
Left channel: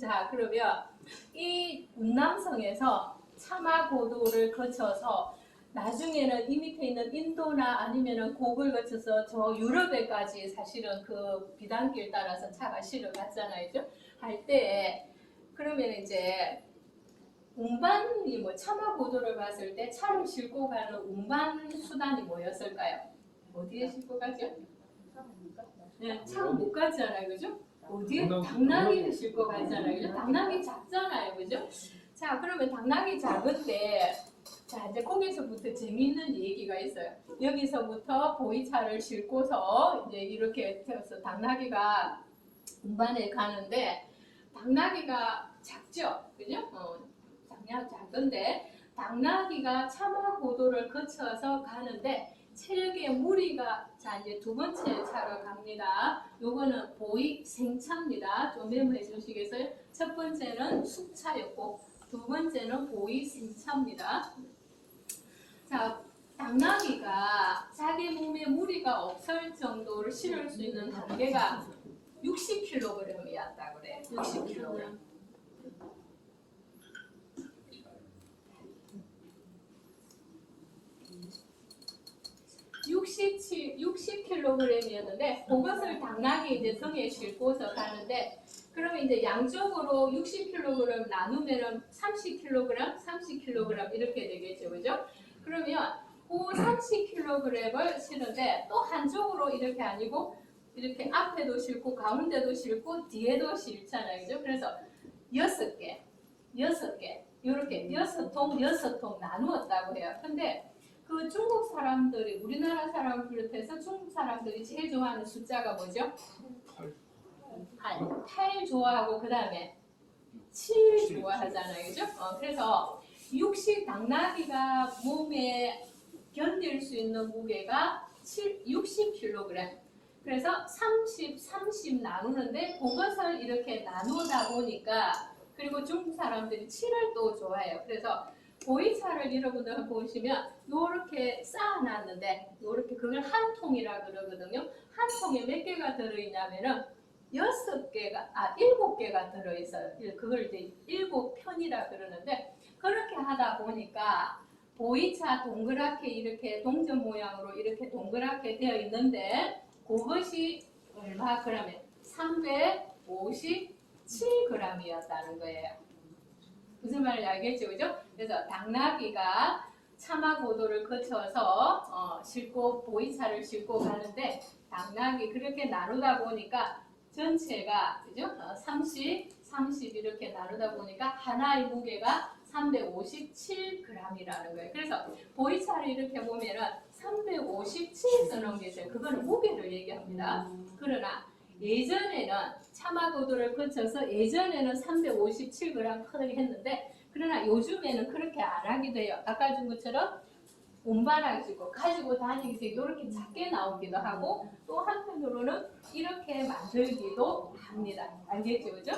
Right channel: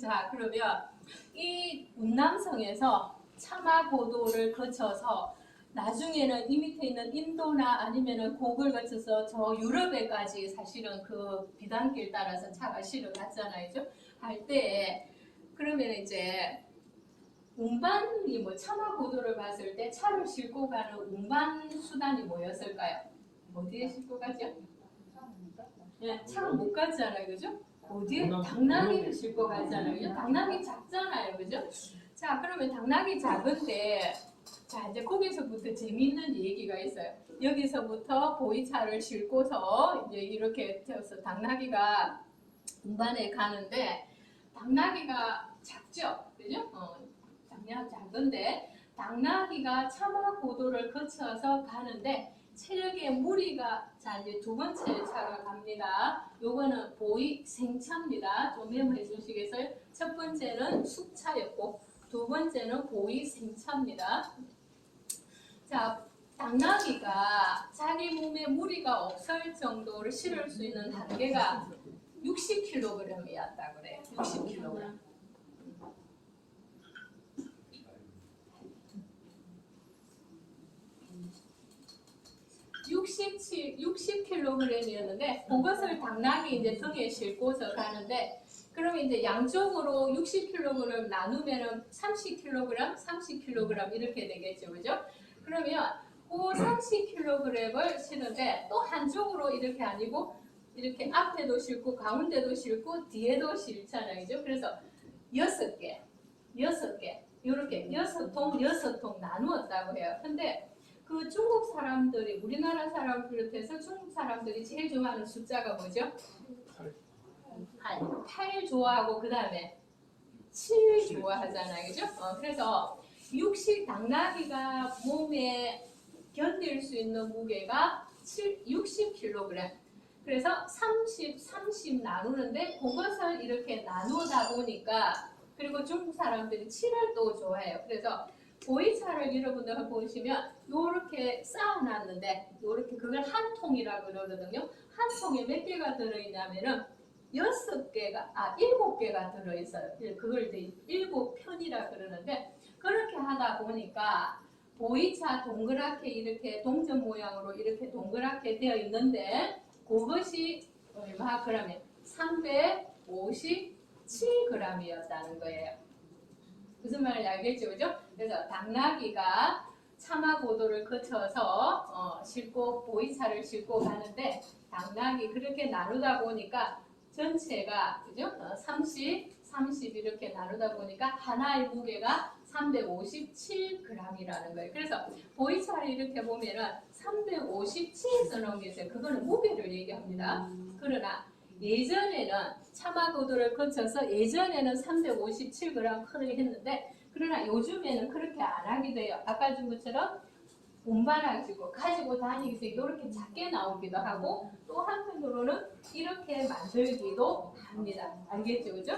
자, 그러면 이 운남성에서 차마고도를 거쳐서 나중에는 이 밑에 있는 인도나 아니면은 곡을 거쳐서 저 유럽에까지 사실은 그 비단길 따라서 차가 실어 갔잖아요. 할 때 그러면 이제 운반이 뭐 차마고도를 봤을 때 차를 싣고 가는 운반 수단이 뭐였을까요? 어디에 싣고 가죠? 네, 차가 못 가잖아요, 그죠? 어디에? 당나귀를 싣고 가잖아요, 그죠? 당나귀 작잖아요, 그죠? 자, 그러면 당나귀 작은데, 자, 이제 거기서부터 재미있는 얘기가 있어요. 여기서부터 보이차를 싣고서 이제 이렇게 되어서 당나귀가 운반에 가는데, 당나귀가 작죠, 그죠? 당나귀 작은데, 당나귀가 차마고도를 거쳐서 가는데, 체력의 무리가, 자, 이제 두 번째 차로 갑니다. 요거는 보이 생차입니다. 좀 메모해 주시겠어요? 첫 번째는 숙차였고, 두 번째는 보이 생차입니다. 자, 당나귀가 자기 몸에 무리가 없을 정도를 실을 수 있는 단계가 60kg이었다고 그래요. 60kg. 60kg이었는데 그것을 당나귀 이제 등에 싣고서 가는데 그러면 이제 양쪽으로 60kg 나누면은 30kg, 30kg 이렇게 되겠죠, 그죠? 그러면 그 30kg을 실는데 또 한쪽으로 이렇게 아니고 이렇게 앞에도 싣고 가운데도 싣고 뒤에도 싣잖아요, 그죠? 그래서 6개 이렇게 6통 나누었다고 해요. 근데 그 중국 사람들이 우리나라 사람 비롯해서 중국 사람들이 제일 좋아하는 숫자가 뭐죠? 8 좋아하고 그 다음에 7 좋아하잖아요, 그죠? 그래서 당나귀가 몸에 견딜 수 있는 무게가 60kg. 그래서 30 나누는데 그것을 이렇게 나누다 보니까 그리고 중국 사람들이 7을 또 좋아해요. 그래서 보이차를 여러분들 보시면 이렇게 쌓아놨는데 이렇게 그걸 한 통이라 그러거든요. 한 통에 몇 개가 들어있냐면은 7개가 들어있어요. 그걸 이제 7편이라 그러는데 그렇게 하다 보니까 보이차 동그랗게 이렇게 동전 모양으로 이렇게 동그랗게 되어 있는데 그것이 얼마 그러면 357g이었다는 거예요. 무슨 말인지 알겠죠, 그죠? 그래서 당나귀가 차마고도를 거쳐서 싣고 보이차를 싣고 가는데 당나귀 그렇게 나누다 보니까 전체가 그죠? 30 이렇게 나누다 보니까 하나의 무게가 357g이라는 거예요. 그래서 보이차를 이렇게 보면은 357 쓰는 게 있어요. 그거는 무게를 얘기합니다. 그러나 예전에는 차마고도를 거쳐서 예전에는 357g 크게 했는데 그러나 요즘에는 그렇게 안 하게 돼요. 아까 준 것처럼 운반하시고 가지고 다니기 때 이렇게 작게 나오기도 하고 또 한편으로는 이렇게 만들기도 합니다. 알겠죠, 그죠?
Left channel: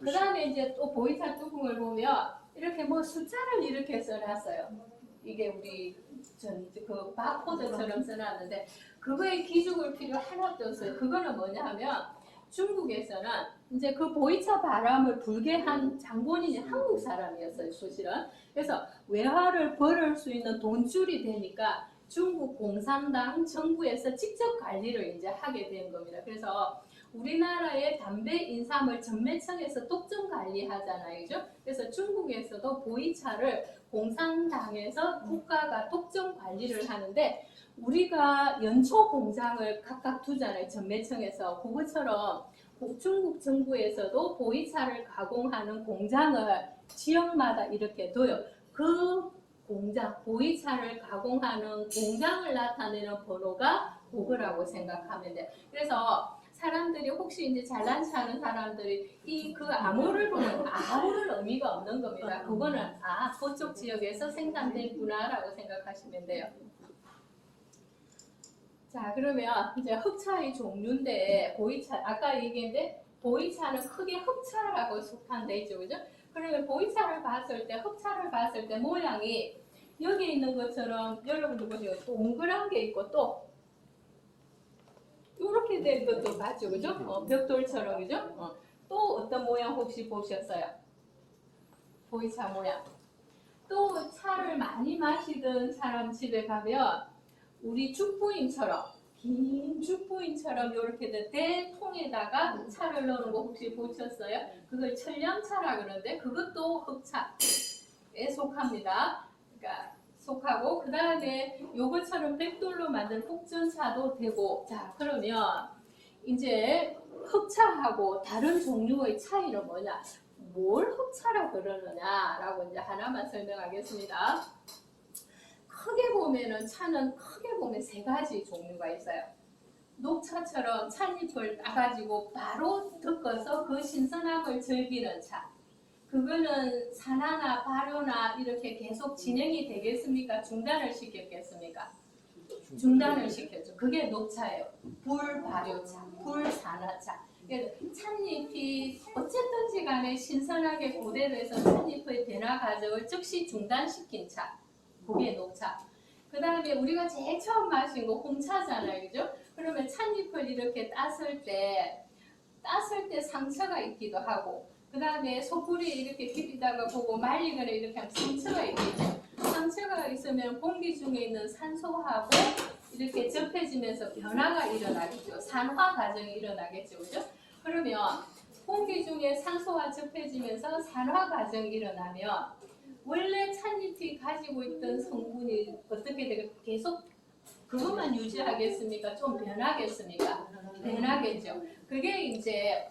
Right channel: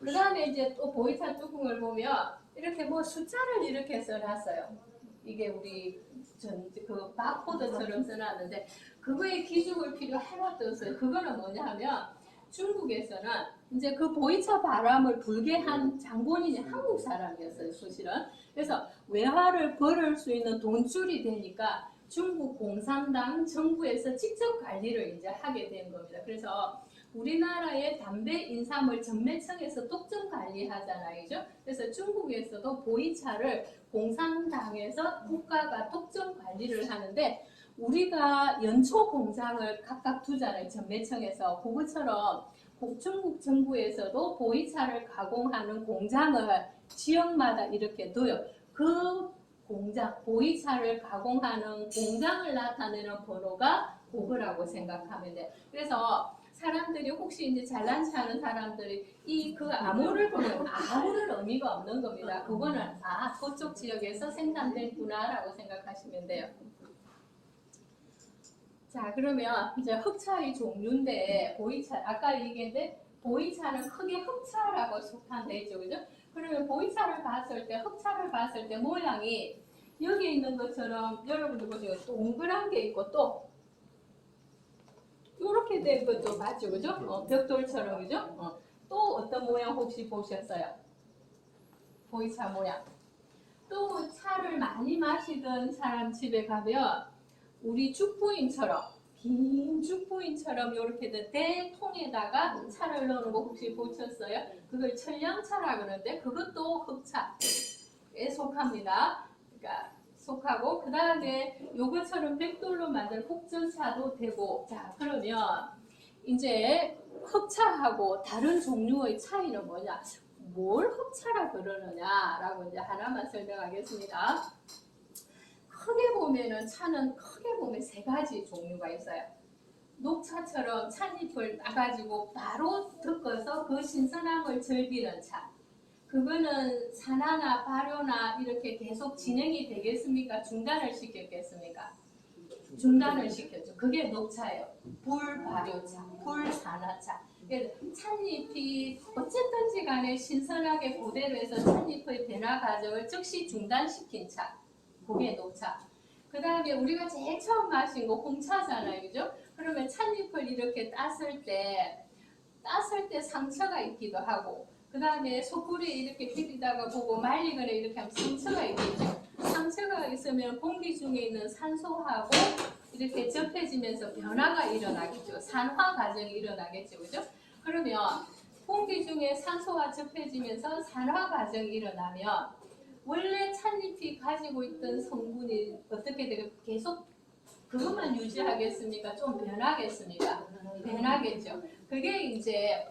그 다음에 이제 또 보이차 뚜껑을 보면 이렇게 뭐 숫자를 이렇게 써놨어요. 이게 우리 그 바코드처럼 써놨는데 그거에 기죽을 필요 하나도 없어요. 그거는 뭐냐 하면 중국에서는 이제 그 보이차 바람을 불게 한 장본인이 한국 사람이었어요, 사실은. 그래서 외화를 벌을 수 있는 돈줄이 되니까 중국 공산당 정부에서 직접 관리를 이제 하게 된 겁니다. 그래서 우리나라의 담배 인삼을 전매청에서 독점 관리하잖아요, 그죠? 그래서 중국에서도 보이차를 공산당에서 국가가 독점 관리를 하는데 우리가 연초 공장을 각각 두잖아요, 전매청에서. 그것처럼 중국 정부에서도 보이차를 가공하는 공장을 지역마다 이렇게 둬요. 그 공장, 보이차를 가공하는 공장을 나타내는 번호가 그거라고 생각하면 돼요. 그래서 사람들이 혹시 이제 잘난 체하는 사람들이 이 그 암호를 보면 아무런 의미가 없는 겁니다. 그거는 그쪽 지역에서 생산됐구나라고 생각하시면 돼요. 자, 그러면 이제 흑차의 종류인데 보이차 아까 얘기했는데 보이차는 크게 흑차라고 속한데 있죠, 그죠? 그러면 보이차를 봤을 때 흑차를 봤을 때 모양이 여기 있는 것처럼 여러분들 보시면 동그란 게 있고 또 이렇게 된 것도 맞죠, 그죠? 벽돌처럼, 그죠? 또 어떤 모양 혹시 보셨어요? 보이차 모양. 또 차를 많이 마시던 사람 집에 가면 우리 죽부인처럼 긴 죽부인처럼 이렇게 된 대통에다가 차를 넣는 거 혹시 보셨어요? 그걸 천량차라 그러는데 그것도 흑차에 속합니다. 그러니까 속하고 그 다음에 요것처럼 백돌로 만든 흑전차도 되고. 자, 그러면 이제 흑차하고 다른 종류의 차이는 뭐냐? 뭘 흑차라 그러느냐라고 이제 하나만 설명하겠습니다. 크게 보면은 차는 크게 보면 세 가지 종류가 있어요. 녹차처럼 찻잎을 따가지고 바로 덮어서 그 신선함을 즐기는 차. 그거는 산화나 발효나 이렇게 계속 진행이 되겠습니까? 중단을 시켰겠습니까? 중단을 시켰죠. 그게 녹차예요. 불발효차, 불산화차. 찻잎이 어쨌든지 간에 신선하게 그대로 해서 찻잎의 변화 과정을 즉시 중단시킨 차. 그게 녹차. 그 다음에 우리가 제일 처음 마신 거 홍차잖아요, 그죠? 그러면 찻잎을 이렇게 땄을 때 상처가 있기도 하고, 그 다음에 소불에 이렇게 비비다가 보고 말리거나 이렇게 하면 상처가 있겠죠. 상처가 있으면 공기 중에 있는 산소하고 이렇게 접해지면서 변화가 일어나겠죠. 산화 과정이 일어나겠죠, 그죠? 그러면 공기 중에 산소가 접해지면서 산화 과정이 일어나면 원래 찻잎이 가지고 있던 성분이 어떻게 되게 계속 그것만 유지하겠습니까? 좀 변하겠습니까? 변하겠죠. 그게 이제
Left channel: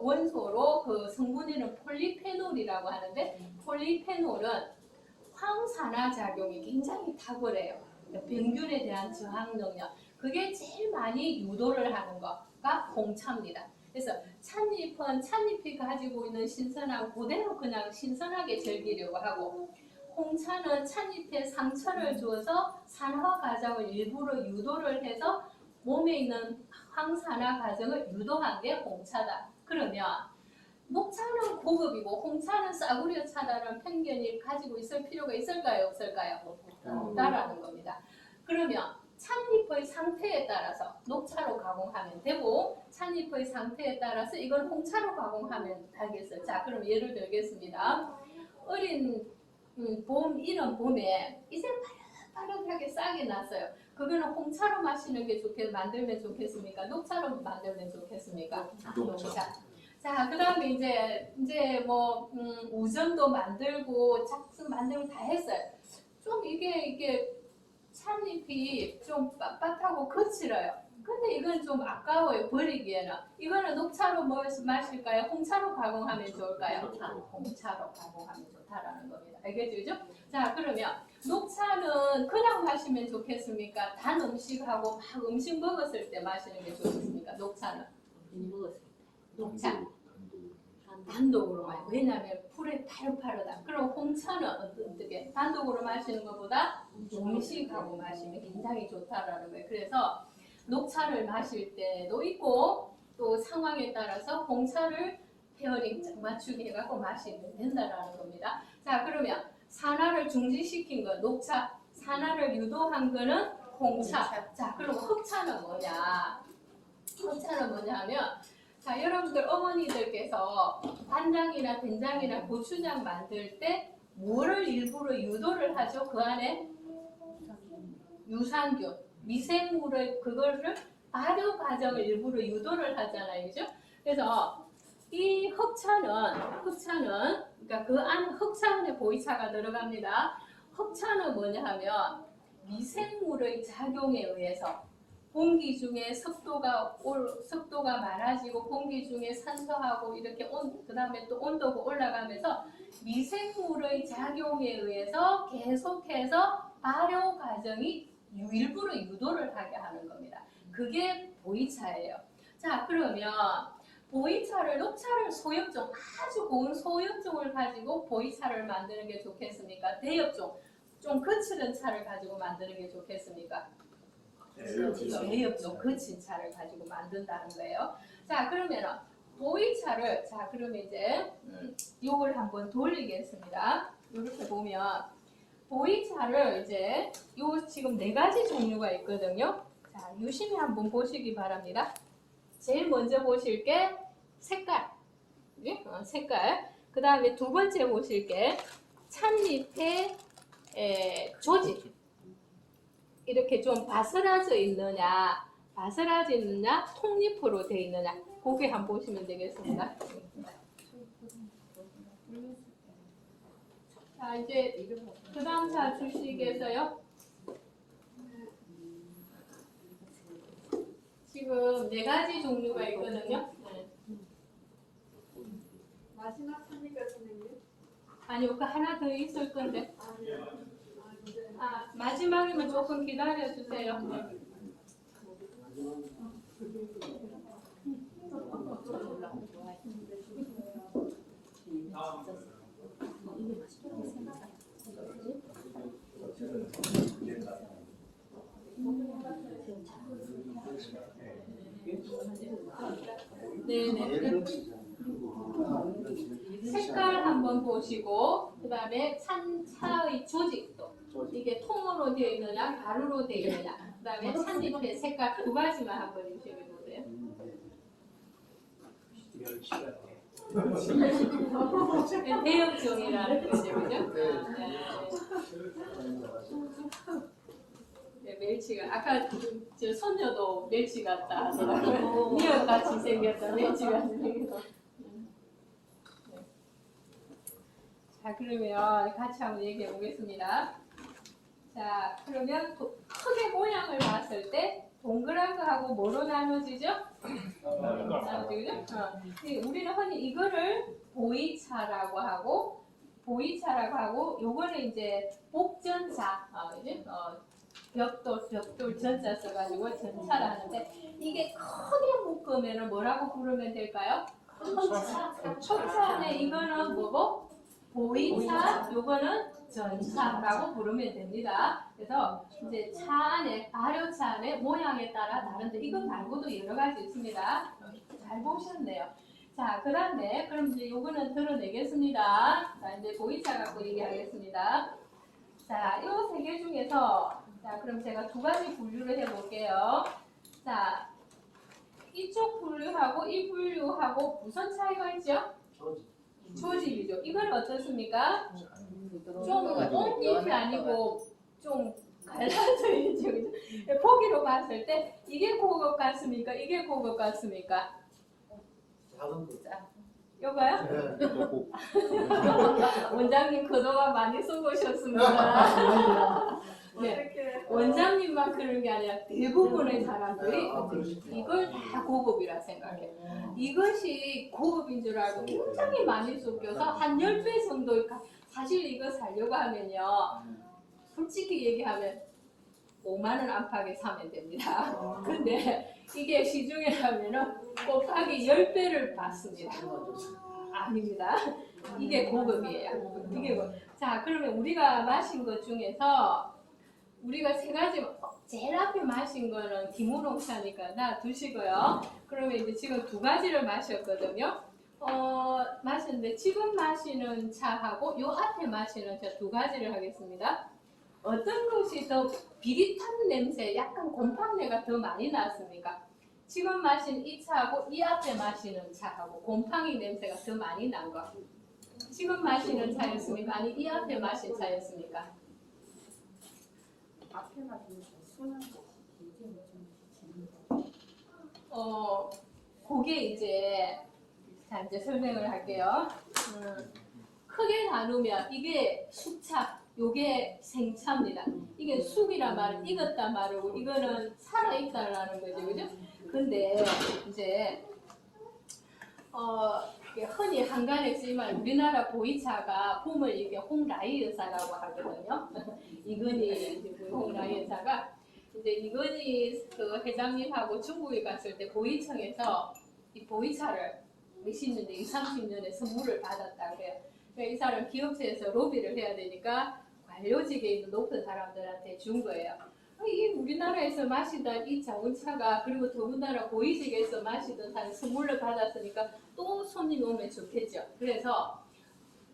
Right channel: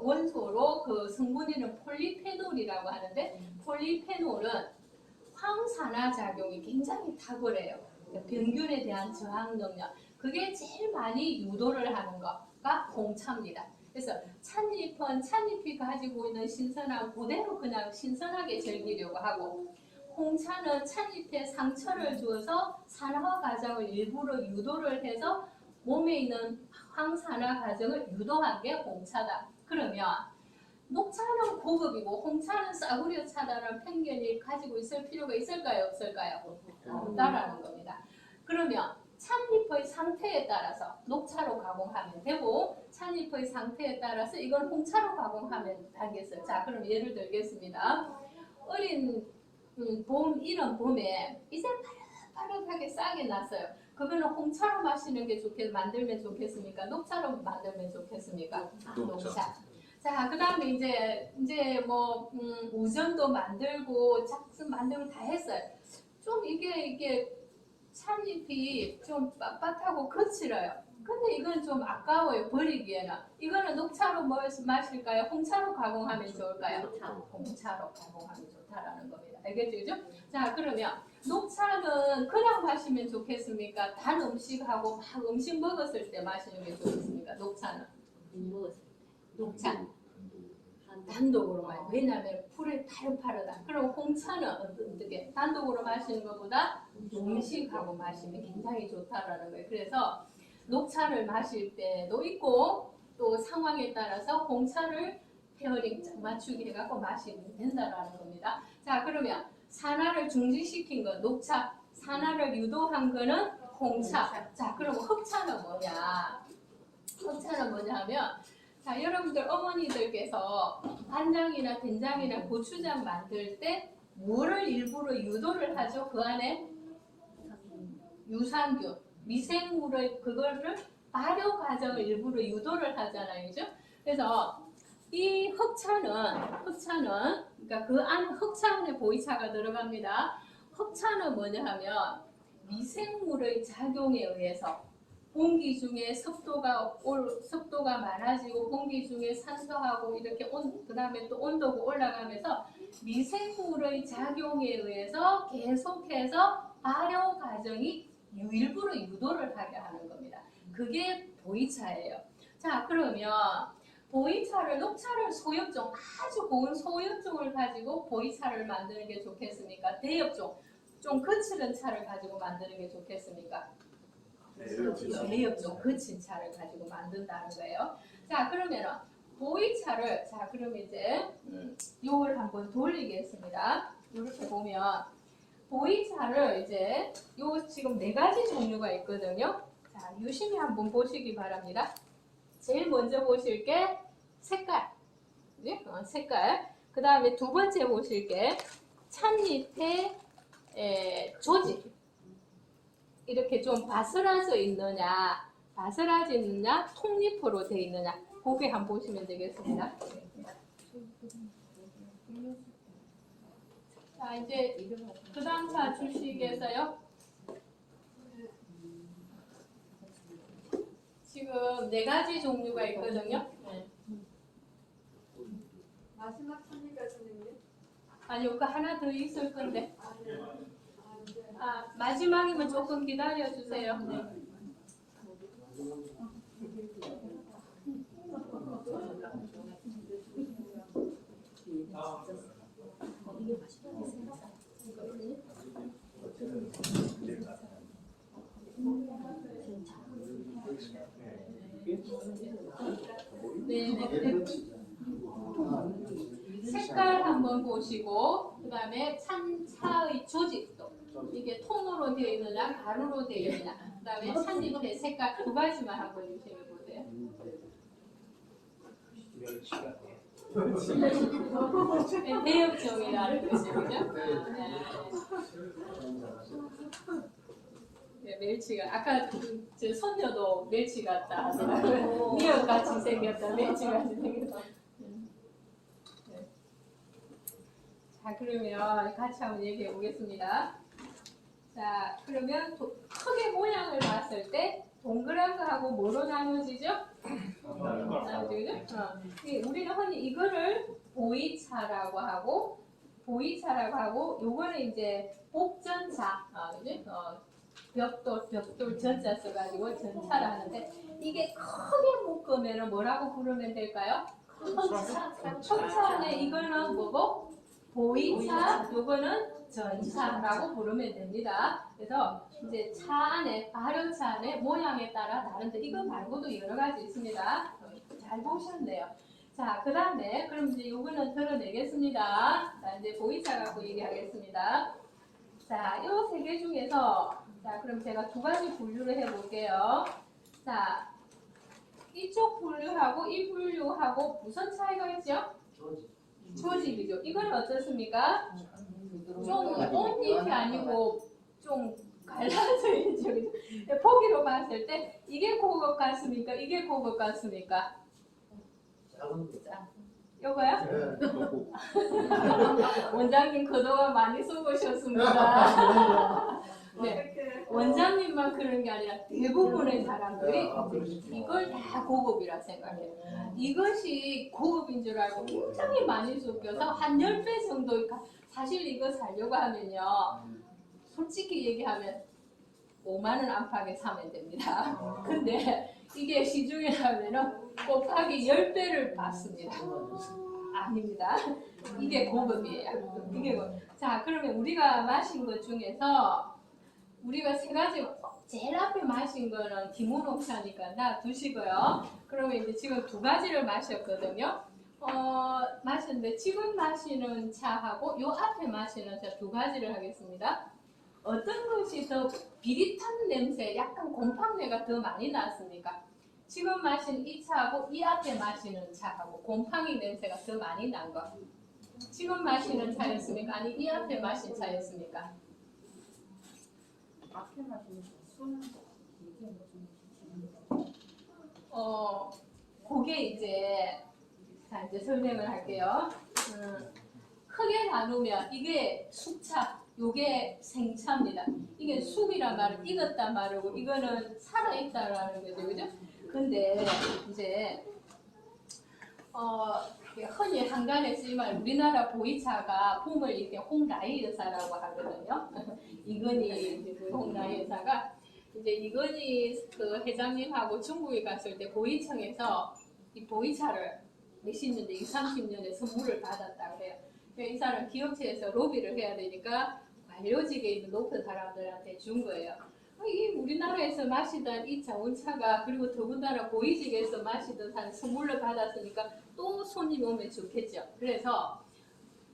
원소로 그 성분에는 폴리페놀이라고 하는데 폴리페놀은 황산화 작용이 굉장히 탁월해요. 병균에 대한 저항 능력. 그게 제일 많이 유도를 하는 거가 홍차입니다. 그래서 찻잎은 찻잎이 가지고 있는 신선함 그대로 그냥 신선하게 즐기려고 하고, 홍차는 찻잎에 상처를 주어서 산화 과정을 일부러 유도를 해서 몸에 있는 황산화 과정을 유도한 게 홍차다. 그러면 녹차는 고급이고 홍차는 싸구려 차다라는 편견이 가지고 있을 필요가 있을까요? 없을까요? 없다라는 겁니다. 그러면 찻잎의 상태에 따라서 녹차로 가공하면 되고 찻잎의 상태에 따라서 이걸 홍차로 가공하면 되겠어요. 자, 그럼 예를 들겠습니다. 어린 이런 봄에 이제 파릇파릇하게 싹이 났어요. 그거는 홍차로 마시는 게 만들면 좋겠습니까? 녹차로 만들면 좋겠습니까? 녹차. 자, 그 다음에 이제 뭐 우전도 만들고 짝순 만들고 다 했어요. 좀 이게 찻잎이 좀 빳빳하고 거칠어요. 근데 이건 좀 아까워요, 버리기에는. 이거는 녹차로 마실까요? 홍차로 가공하면 좋을까요? 홍차로 가공하면 좋다라는 겁니다. 알겠죠? 자, 그러면 녹차는 그냥 마시면 좋겠습니까? 단 음식하고 막 음식 먹었을 때 마시는 게 좋겠습니까? 녹차는? 녹차. 단독으로 마요. 왜냐하면 풀에 파릇파릇하다. 그럼 홍차는 어떻게? 단독으로 마시는 것보다 음식하고 마시면 굉장히 좋다라는 거예요. 그래서 녹차를 마실 때도 있고 또 상황에 따라서 홍차를 페어링 맞추기 해갖고 마시면 된다라는 겁니다. 자, 그러면 산화를 중지시킨 거 녹차, 산화를 유도한 거는 홍차. 자, 그럼 흑차는 뭐냐? 흑차는 뭐냐 하면 자, 여러분들 어머니들께서 간장이나 된장이나 고추장 만들 때 뭐를 일부러 유도를 하죠? 그 안에 유산균, 미생물의 그거를 발효 과정을 일부러 유도를 하잖아요, 그죠? 그래서 이 흑차는 그러니까 그 안 흑차 안에 보이차가 들어갑니다. 흑차는 뭐냐 하면 미생물의 작용에 의해서 공기 중에 습도가 많아지고 공기 중에 산소하고 이렇게 그다음에 또 온도가 올라가면서 미생물의 작용에 의해서 계속해서 발효 과정이 일부러 유도를 하게 하는 겁니다. 그게 보이차예요. 자, 그러면 보이차를 녹차를 소엽종 아주 고운 소엽종을 가지고 보이차를 만드는 게 좋겠습니까? 대엽종 좀 거칠은 차를 가지고 만드는 게 좋겠습니까? 대엽종 거친 차를 가지고 만든다는 거예요. 자, 그러면 보이차를 자 그럼 이제 요걸 한번 돌리겠습니다. 이렇게 보면 보이차를 이제 요 지금 4가지 종류가 있거든요. 자, 유심히 한번 보시기 바랍니다. 제일 먼저 보실 게 색깔, 예? 색깔. 그 다음에 두 번째 보실 게 찻잎의 조직. 이렇게 좀 바스라져 있느냐, 통잎으로 되어 있느냐, 그게 한번 보시면 되겠습니다. 자, 이제 그 다음 차 주식에서요. 지금 4가지 종류가 있거든요. 마지막 선생님 선생님. 아니요, 그 하나 더 있을 건데. 마지막이면 조금 기다려 주세요. 네. 색깔 한번 보시고 그 다음에 차의 조직도 이게 통으로 되어 있느냐 가루로 되어 있느냐 그 다음에 찻잎의 색깔 2가지만 한번 유심히 보세요. 네, 대엽종이라는 거죠, 그죠? 네, 멸치가 아까 저 손녀도 멸치 같다 하더라고요. 미역같이 생겼다, 멸치같이 생겼다. 자, 그러면 같이 한번 얘기해 보겠습니다. 자, 그러면 크게 모양을 봤을 때 동그란 거하고 뭐로 나눠지죠? 나눠지죠? 우리는 흔히 이거를 보이차라고 하고 요거는 이제 복전차, 벽돌 전자 써가지고 전차를 하는데 이게 크게 묶으면 뭐라고 부르면 될까요? 흑차. 이거는 뭐고? 보이차, 요거는 전차라고 부르면 됩니다. 그래서 이제 차 안에, 발효차 안에 모양에 따라 다른데 이거 말고도 여러 가지 있습니다. 잘 보셨네요. 자, 그 다음에 그럼 이제 요거는 드러내겠습니다. 자, 이제 보이차 갖고 얘기하겠습니다. 자, 요 3개 중에서 자, 그럼 제가 2가지 분류를 해볼게요. 자, 이쪽 분류하고 이 분류하고 무슨 차이가 있죠? 조직이죠. 이건 어떻습니까? 좀 온잎이 아니고 좀 갈라져 있죠. 보기로 봤을 때 이게 고급 같습니까? 이게 고급 같습니까? 요거요? 원장님 그동안 많이 써보셨습니다. 네. 원장님만 그런 게 아니라 대부분의 사람들이 이걸 다 고급이라 생각해요. 이것이 고급인 줄 알고 굉장히 많이 섞여서 한 10배 정도 사실 이거 사려고 하면요. 솔직히 얘기하면 5만 원 안팎에 사면 됩니다. 근데 이게 시중에 가면은 곱하기 10배를 받습니다. 아닙니다. 이게 고급이에요. 이게 자, 그러면 우리가 마신 것 중에서 우리가 세 가지, 제일 앞에 마신 거는 기모녹차니까 놔두시고요. 그러면 이제 지금 두 가지를 마셨거든요. 마셨는데 지금 마시는 차하고 요 앞에 마시는 차 두 가지를 하겠습니다. 어떤 것이 더 비릿한 냄새, 약간 곰팡내가 더 많이 났습니까? 지금 마신 이 차하고 이 앞에 마시는 차하고 곰팡이 냄새가 더 많이 난 거. 지금 마시는 차였습니까? 아니 이 앞에 마신 차였습니까? 앞에 마시는 순한 거. 그게 이제 설명을 할게요. 크게 나누면 이게 숙차, 요게 생차입니다. 이게 숙이란 말은 익었단 말이고 이거는 살아있다라는 거죠, 그죠? 근데 이제 흔히 한간에 쓰이면 우리나라 보이차가 봄을 이렇게 홍라이 여사라고 하거든요. 이건희 홍라이 여사가 이제 이건희 그 회장님하고 중국에 갔을 때 보이청에서 이 보이차를 몇십 년에 20, 30년에 선물을 받았다 그래요. 그러니까 이 사람 기업체에서 로비를 해야 되니까 관료직에 있는 높은 사람들한테 준 거예요. 이 우리나라에서 마시던 이 자원차가 그리고 더군다나 고위직에서 마시던 사람이 선물을 받았으니까 또 손님 오면 좋겠죠. 그래서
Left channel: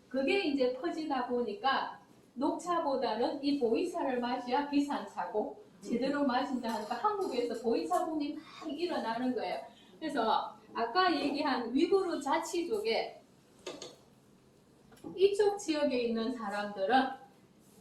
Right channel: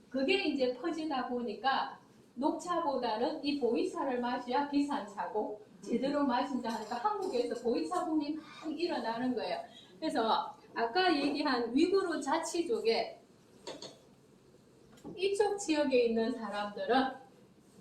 그게 이제 퍼지다 보니까 녹차보다는 이 보이차를 마셔야 비싼 차고 제대로 마신다 하니까 한국에서 보이차 붐이 많이 일어나는 거예요. 그래서 아까 얘기한 위구르 자치족에 이쪽 지역에 있는 사람들은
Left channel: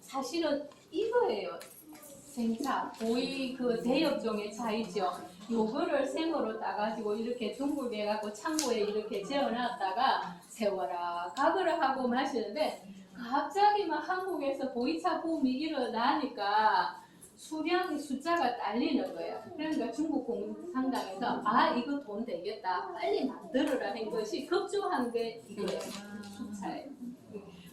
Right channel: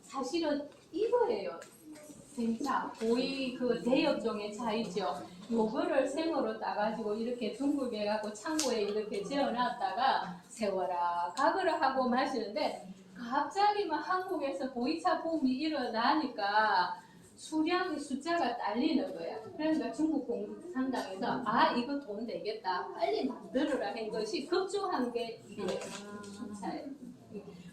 사실은 이거예요. 생차, 보이 그 대역종의 차이죠. 요거를 생으로 따가지고 이렇게 중국에 가고 창고에 이렇게 재워놨다가 세워라 가거라 하고 마시는데 갑자기 막 한국에서 보이차 붐이 일어나니까 수량의 숫자가 딸리는 거예요. 그러니까 중국 공산당에서 이거 돈 되겠다 빨리 만들어라 한 것이 급조한 게 이거예요. 수차예요.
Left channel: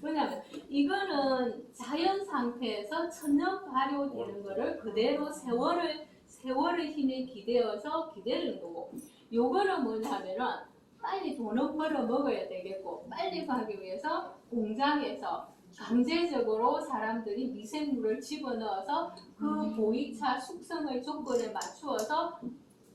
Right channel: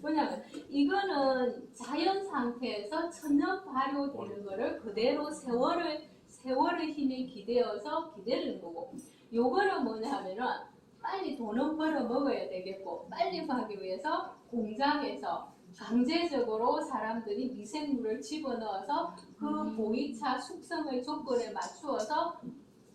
왜냐하면 이거는 자연 상태에서 천년 발효되는 거를 그대로 세월의 힘에 기대어서 기다리는 거고 요거는 뭐냐면은 빨리 돈은 벌어 먹어야 되겠고 빨리 가기 위해서 공장에서 강제적으로 사람들이 미생물을 집어넣어서 그 보이차 숙성의 조건에 맞추어서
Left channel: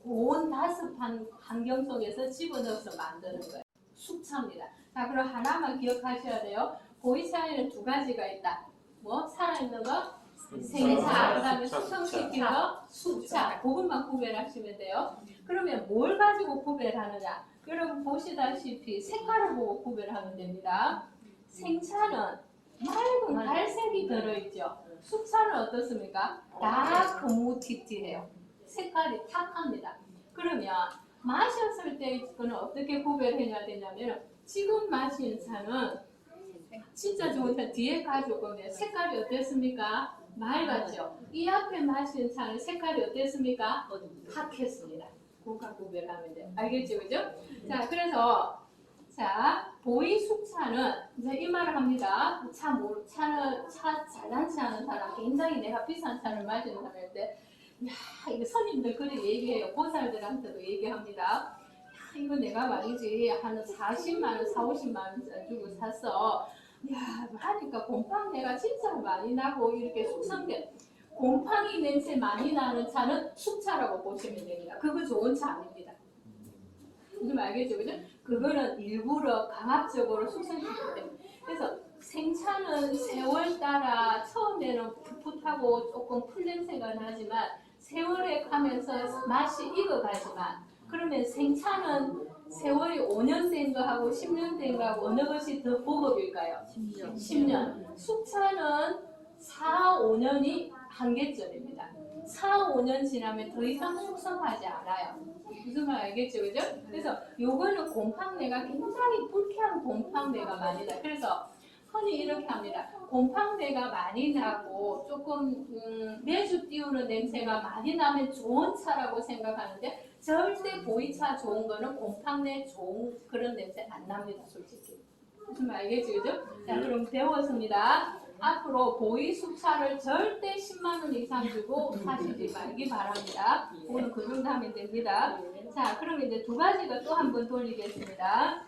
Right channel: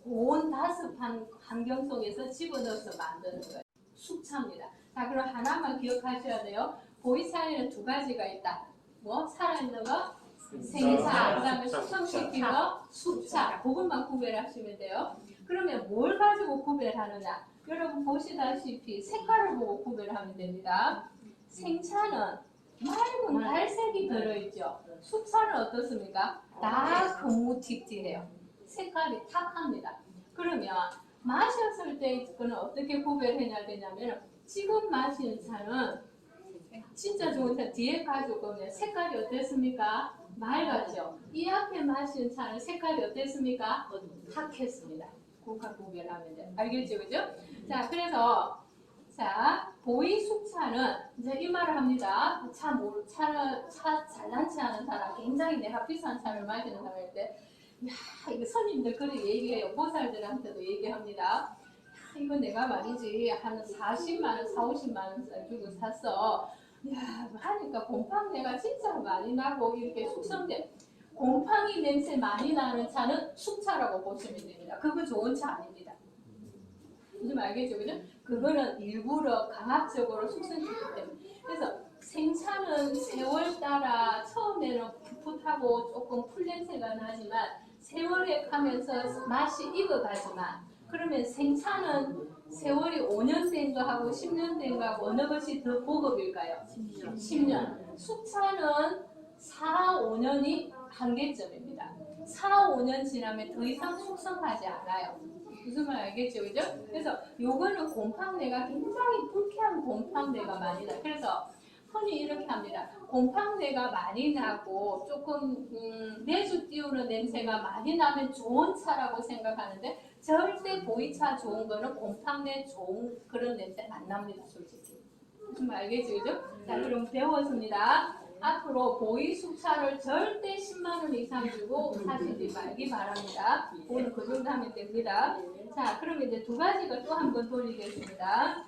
고온 다습한 환경 속에서 집어넣어서 만드는 거예요. 숙차입니다. 자, 그럼 하나만 기억하셔야 돼요. 보이차에는 두 가지가 있다. 뭐 살아있는 거 생차, 그다음에 숙성시킨 거 숙차. 그것만 구별하시면 돼요. 그러면 뭘 가지고 구별하느냐? 여러분 보시다시피 색깔을 보고 구별하면 됩니다. 생차는 맑은 갈색이 들어있죠. 숙차는 어떻습니까? 다크무티티해요. 색깔이 탁합니다. 그러면 마셨을 때 그는 어떻게 구별해야 되냐면 지금 마시는 차는 진짜 좋은 차 뒤에 가져오면 색깔이 어땠습니까? 맑았죠. 이 앞에 마시는 차는 색깔이 어땠습니까? 탁했습니다. 그거 구별하면 돼요. 알겠죠, 그죠? 자, 그래서 보이 숙차는 이제 이 말을 합니다. 차 잘난치 않은 사람, 굉장히 내가 비싼 차를 마시는 사람일 때, 이거 손님들 그렇게 얘기해요. 보살들한테도 얘기합니다. 야, 이거 내가 말이지 한 40만 원, 50만 원 주고 샀어. 야, 하니까 곰팡이가 진짜 많이 나고 이렇게 숙성된 곰팡이 냄새 많이 나는 차는 숙차라고 보시면 됩니다. 그거 좋은 차 아닙니다. 좀 알겠죠, 그죠? 그거는 일부러 강압적으로 숙성시키기 때문에. 그래서 생차는 세월 따라 처음에는 풋풋하고 조금 풀 냄새가 나지만 세월에 가면서 맛이 익어가지만 그러면 생차는 세월이 5년 된 거하고 10년 된 거하고 어느 것이 더 보급일까요? 10년. 숙차는 4, 5년이 한계점입니다. 4, 5년 지나면 더 이상 숙성하지 않아요. 무슨 말 알겠죠, 그죠? 그래서 요거는 곰팡내가 굉장히 불쾌한 곰팡내가 많이 나요. 그래서 흔히 이렇게 합니다. 곰팡내가 많이 나고 조금 매주 띄우는 냄새가 많이 나면 좋은 차라고 생각하는데 절대 보이차 좋은 거는 곰팡내 좋은 그런 냄새 안 납니다, 솔직히. 무슨 말 알겠죠, 그죠? 자, 그럼 배웠습니다. 앞으로 보이 숙차를 절대 10만 원 이상 주고 사시지 말기 바랍니다. 오늘 그 정도 하면 됩니다. 자, 그럼 이제 두 가지가 또 한 번 돌리겠습니다.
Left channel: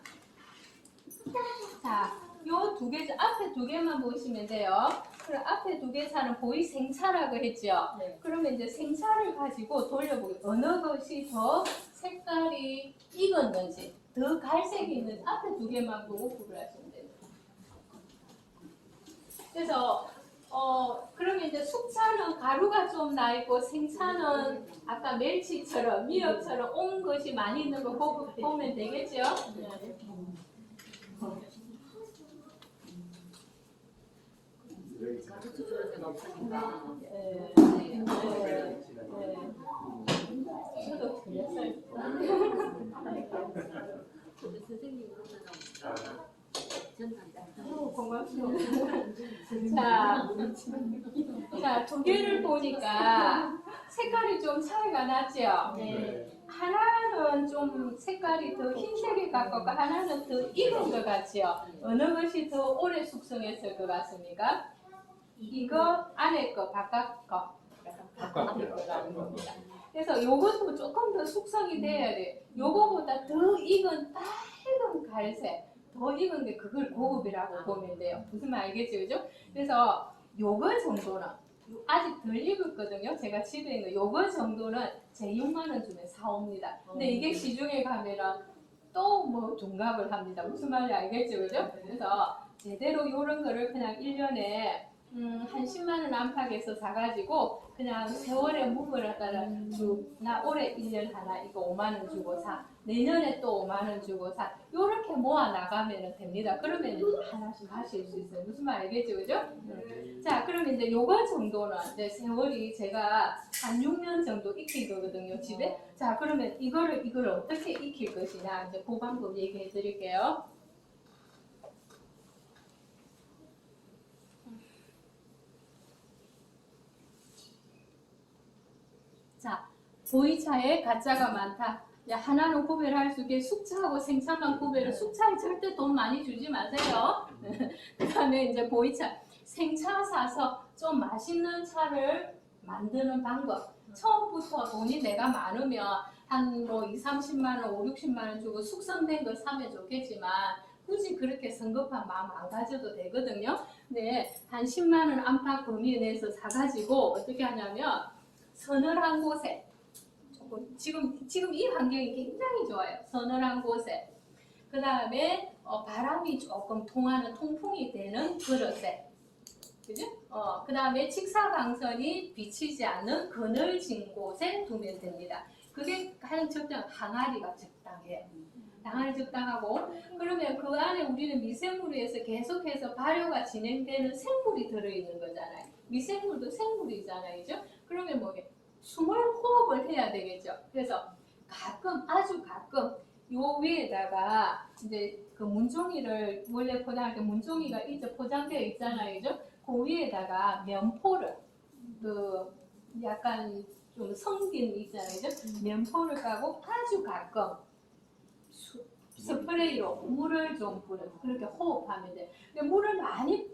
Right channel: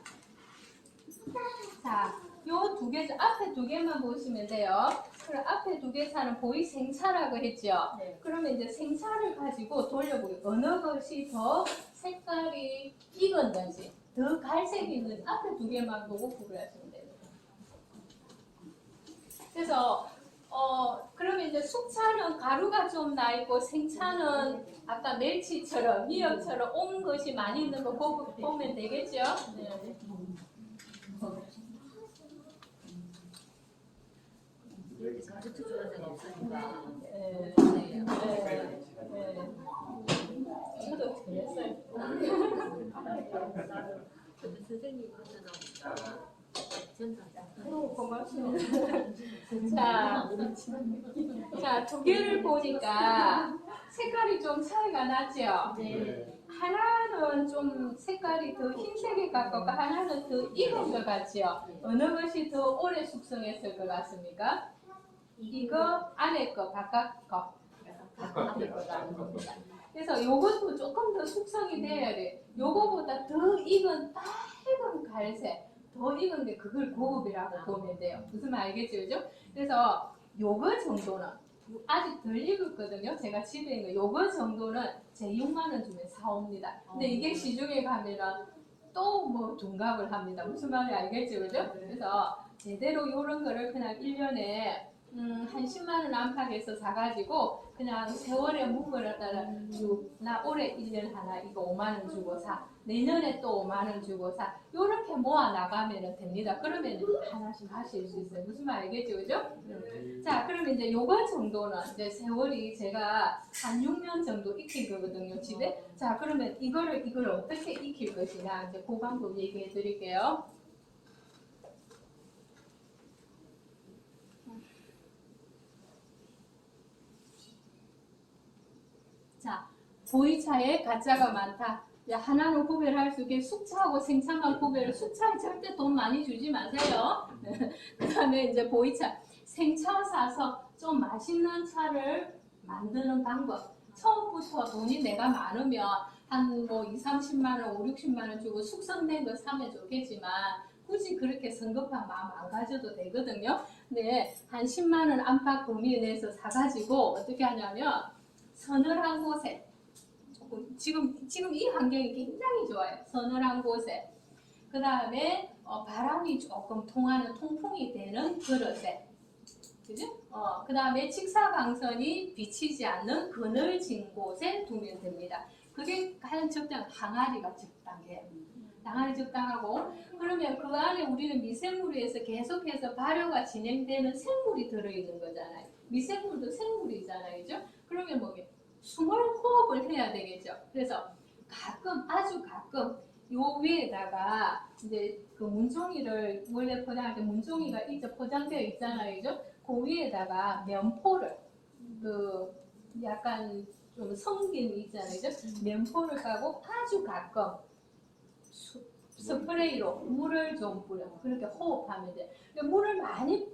자, 요 두 개, 앞에 두 개만 보시면 돼요. 그럼 앞에 두 개 차는 보이 생차라고 했죠. 네. 그러면 이제 생차를 가지고 돌려보고 어느 것이 더 색깔이 익은 건지 더 갈색이 있는지 앞에 두 개만 보고 구별하시면 됩니다. 그래서 그러면 이제 숙차는 가루가 좀 나 있고 생차는 아까 멸치처럼 미역처럼 온 것이 많이 있는 거 보면 되겠죠? 네. 가르쳐 주는 데가 없으니까. 네. 저도 그랬어요. 근데 선생님 그러잖아. 전단장. 고맙습니다. 자, 두 개를 보니까 색깔이 좀 차이가 나죠? 네. 하나는 좀 색깔이 더 흰색에 가깝고 하나는 더 익은 것 같지요? 어느 것이 더 오래 숙성했을 것 같습니까? 이거 안에 거, 바깥 거. 바깥에 거라는 겁니다. 그래서 요것도 조금 더 숙성이 돼야 돼. 요거보다 더 익은 빨간 갈색, 더 익은 게 그걸 고급이라고 보면 돼요. 무슨 말 알겠죠, 그죠? 그래서 요거 정도는 아직 덜 익었거든요. 제가 집에 있는 요거 정도는 제 6만 원 주면 사옵니다. 근데 이게 시중에 가면은 또 뭐 둔갑을 합니다. 무슨 말인지 알겠죠, 그죠? 그래서 제대로 요런 거를 그냥 1년에 한 10만 원 안팎에서 사가지고 그냥 세월에 묵으라다가 나 올해 1년 하나 이거 5만 원 주고 사, 내년에 또 5만 원 주고 사, 요렇게 모아 나가면 됩니다. 그러면 하나씩 하실 수 있어요. 무슨 말 알겠죠, 그죠? 자, 그러면 이제 요거 정도는 이제 세월이 제가 한 6년 정도 익힌 거거든요, 집에. 자, 그러면 이걸 어떻게 익힐 것이냐 이제 그 방법 얘기해 드릴게요. 자, 보이차에 가짜가 많다. 야, 하나는 구별할 수 있게 숙차하고 생차만 구별을, 숙차에 절대 돈 많이 주지 마세요. 그 다음에 이제 보이차, 생차 사서 좀 맛있는 차를 만드는 방법. 처음부터 돈이 내가 많으면 한 뭐 2, 30만 원, 5, 60만 원 주고 숙성된 거 사면 좋겠지만 굳이 그렇게 성급한 마음 안 가져도 되거든요. 근데 한 10만 원 안팎 범위 내에서 사가지고 어떻게 하냐면 서늘한 곳에 지금 이 환경이 굉장히 좋아요. 서늘한 곳에 그 다음에 바람이 조금 통하는 통풍이 되는 그릇에 그죠? 그 다음에 직사광선이 비치지 않는 그늘진 곳에 두면 됩니다. 그게 가장 적당한 항아리가 적당해요. 항아리 적당하고 그러면 그 안에 우리는 미생물에서 계속해서 발효가 진행되는 생물이 들어있는 거잖아요. 미생물도 생물이잖아요. 그죠? 그러면 뭐게 숨을 호흡을 해야 되겠죠. 그래서 가끔 아주 가끔 요 위에다가 이제 그 문종이를 원래 포장할 때 문종이가 이제 포장되어 있잖아요. 그죠? 그 위에다가 면포를 그 약간 좀 성긴 있잖아요. 그죠? 면포를 까고 아주 가끔 스프레이로 물을 좀 뿌려 그렇게 호흡하면 돼. 근데 물을 많이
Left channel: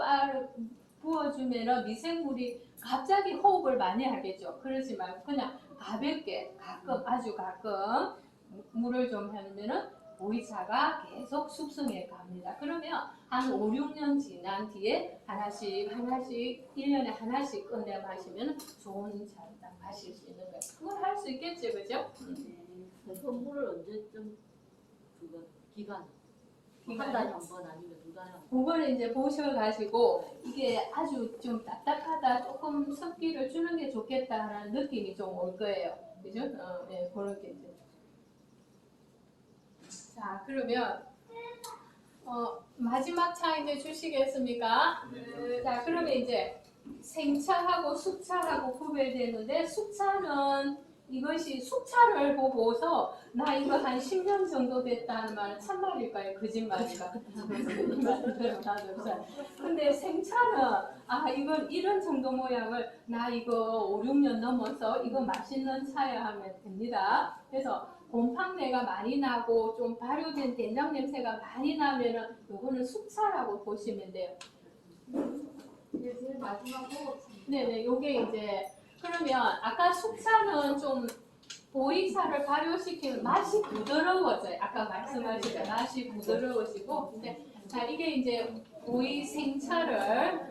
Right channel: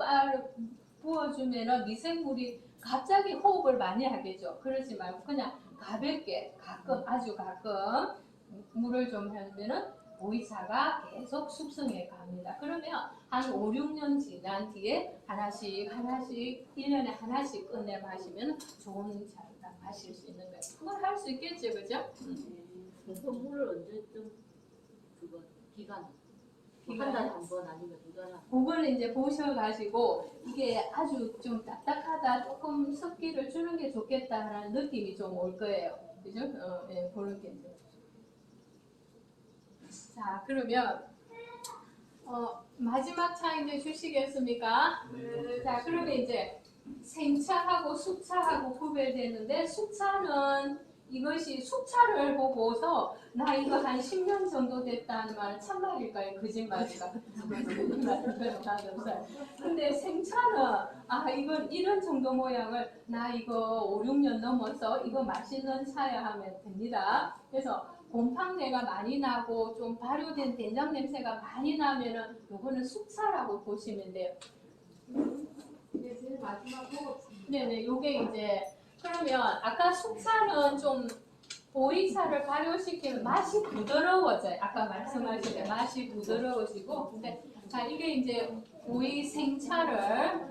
부어주면은 미생물이 갑자기 호흡을 많이 하겠죠. 그러지 말고 그냥 가볍게 가끔 아주 가끔 물을 좀 하면은 보이차가 계속 숙성해 갑니다. 그러면 한 5, 6년 지난 뒤에 하나씩 1년에 하나씩 꺼내 마시면 좋은 차를 딱 마실 수 있는 거예요. 그걸 할 수 있겠죠, 그죠? 그 물을 언제쯤 그거 기간 한 달에 한 번 아니면 두 달에 한 번. 그거를 이제 보셔가지고 이게 아주 좀 딱딱하다 조금 습기를 주는 게 좋겠다라는 느낌이 좀 올 거예요. 그죠? 예, 그렇게 이제. 자, 그러면 마지막 차 이제 주시겠습니까? 자, 그러면 이제 생차하고 숙차하고 구별되는데 숙차는 이것이 숙차를 보고서 나 이거 한 10년 정도 됐다는 말은 참말일까요? 거짓말일까요? 근데 생차는 이건 이런 정도 모양을 나 이거 5, 6년 넘어서 이거 맛있는 차야 하면 됩니다. 그래서 곰팡내가 많이 나고 좀 발효된 된장 냄새가 많이 나면은 이거는 숙차라고 보시면 돼요. 이게 제일 마지막으로 네네, 요게 이제 그러면 아까 숙차는 좀 보이차를 발효시키면 맛이 부드러워져요. 아까 말씀하신 맛이 부드러워지고, 근데 자 이게 이제 보이 생차를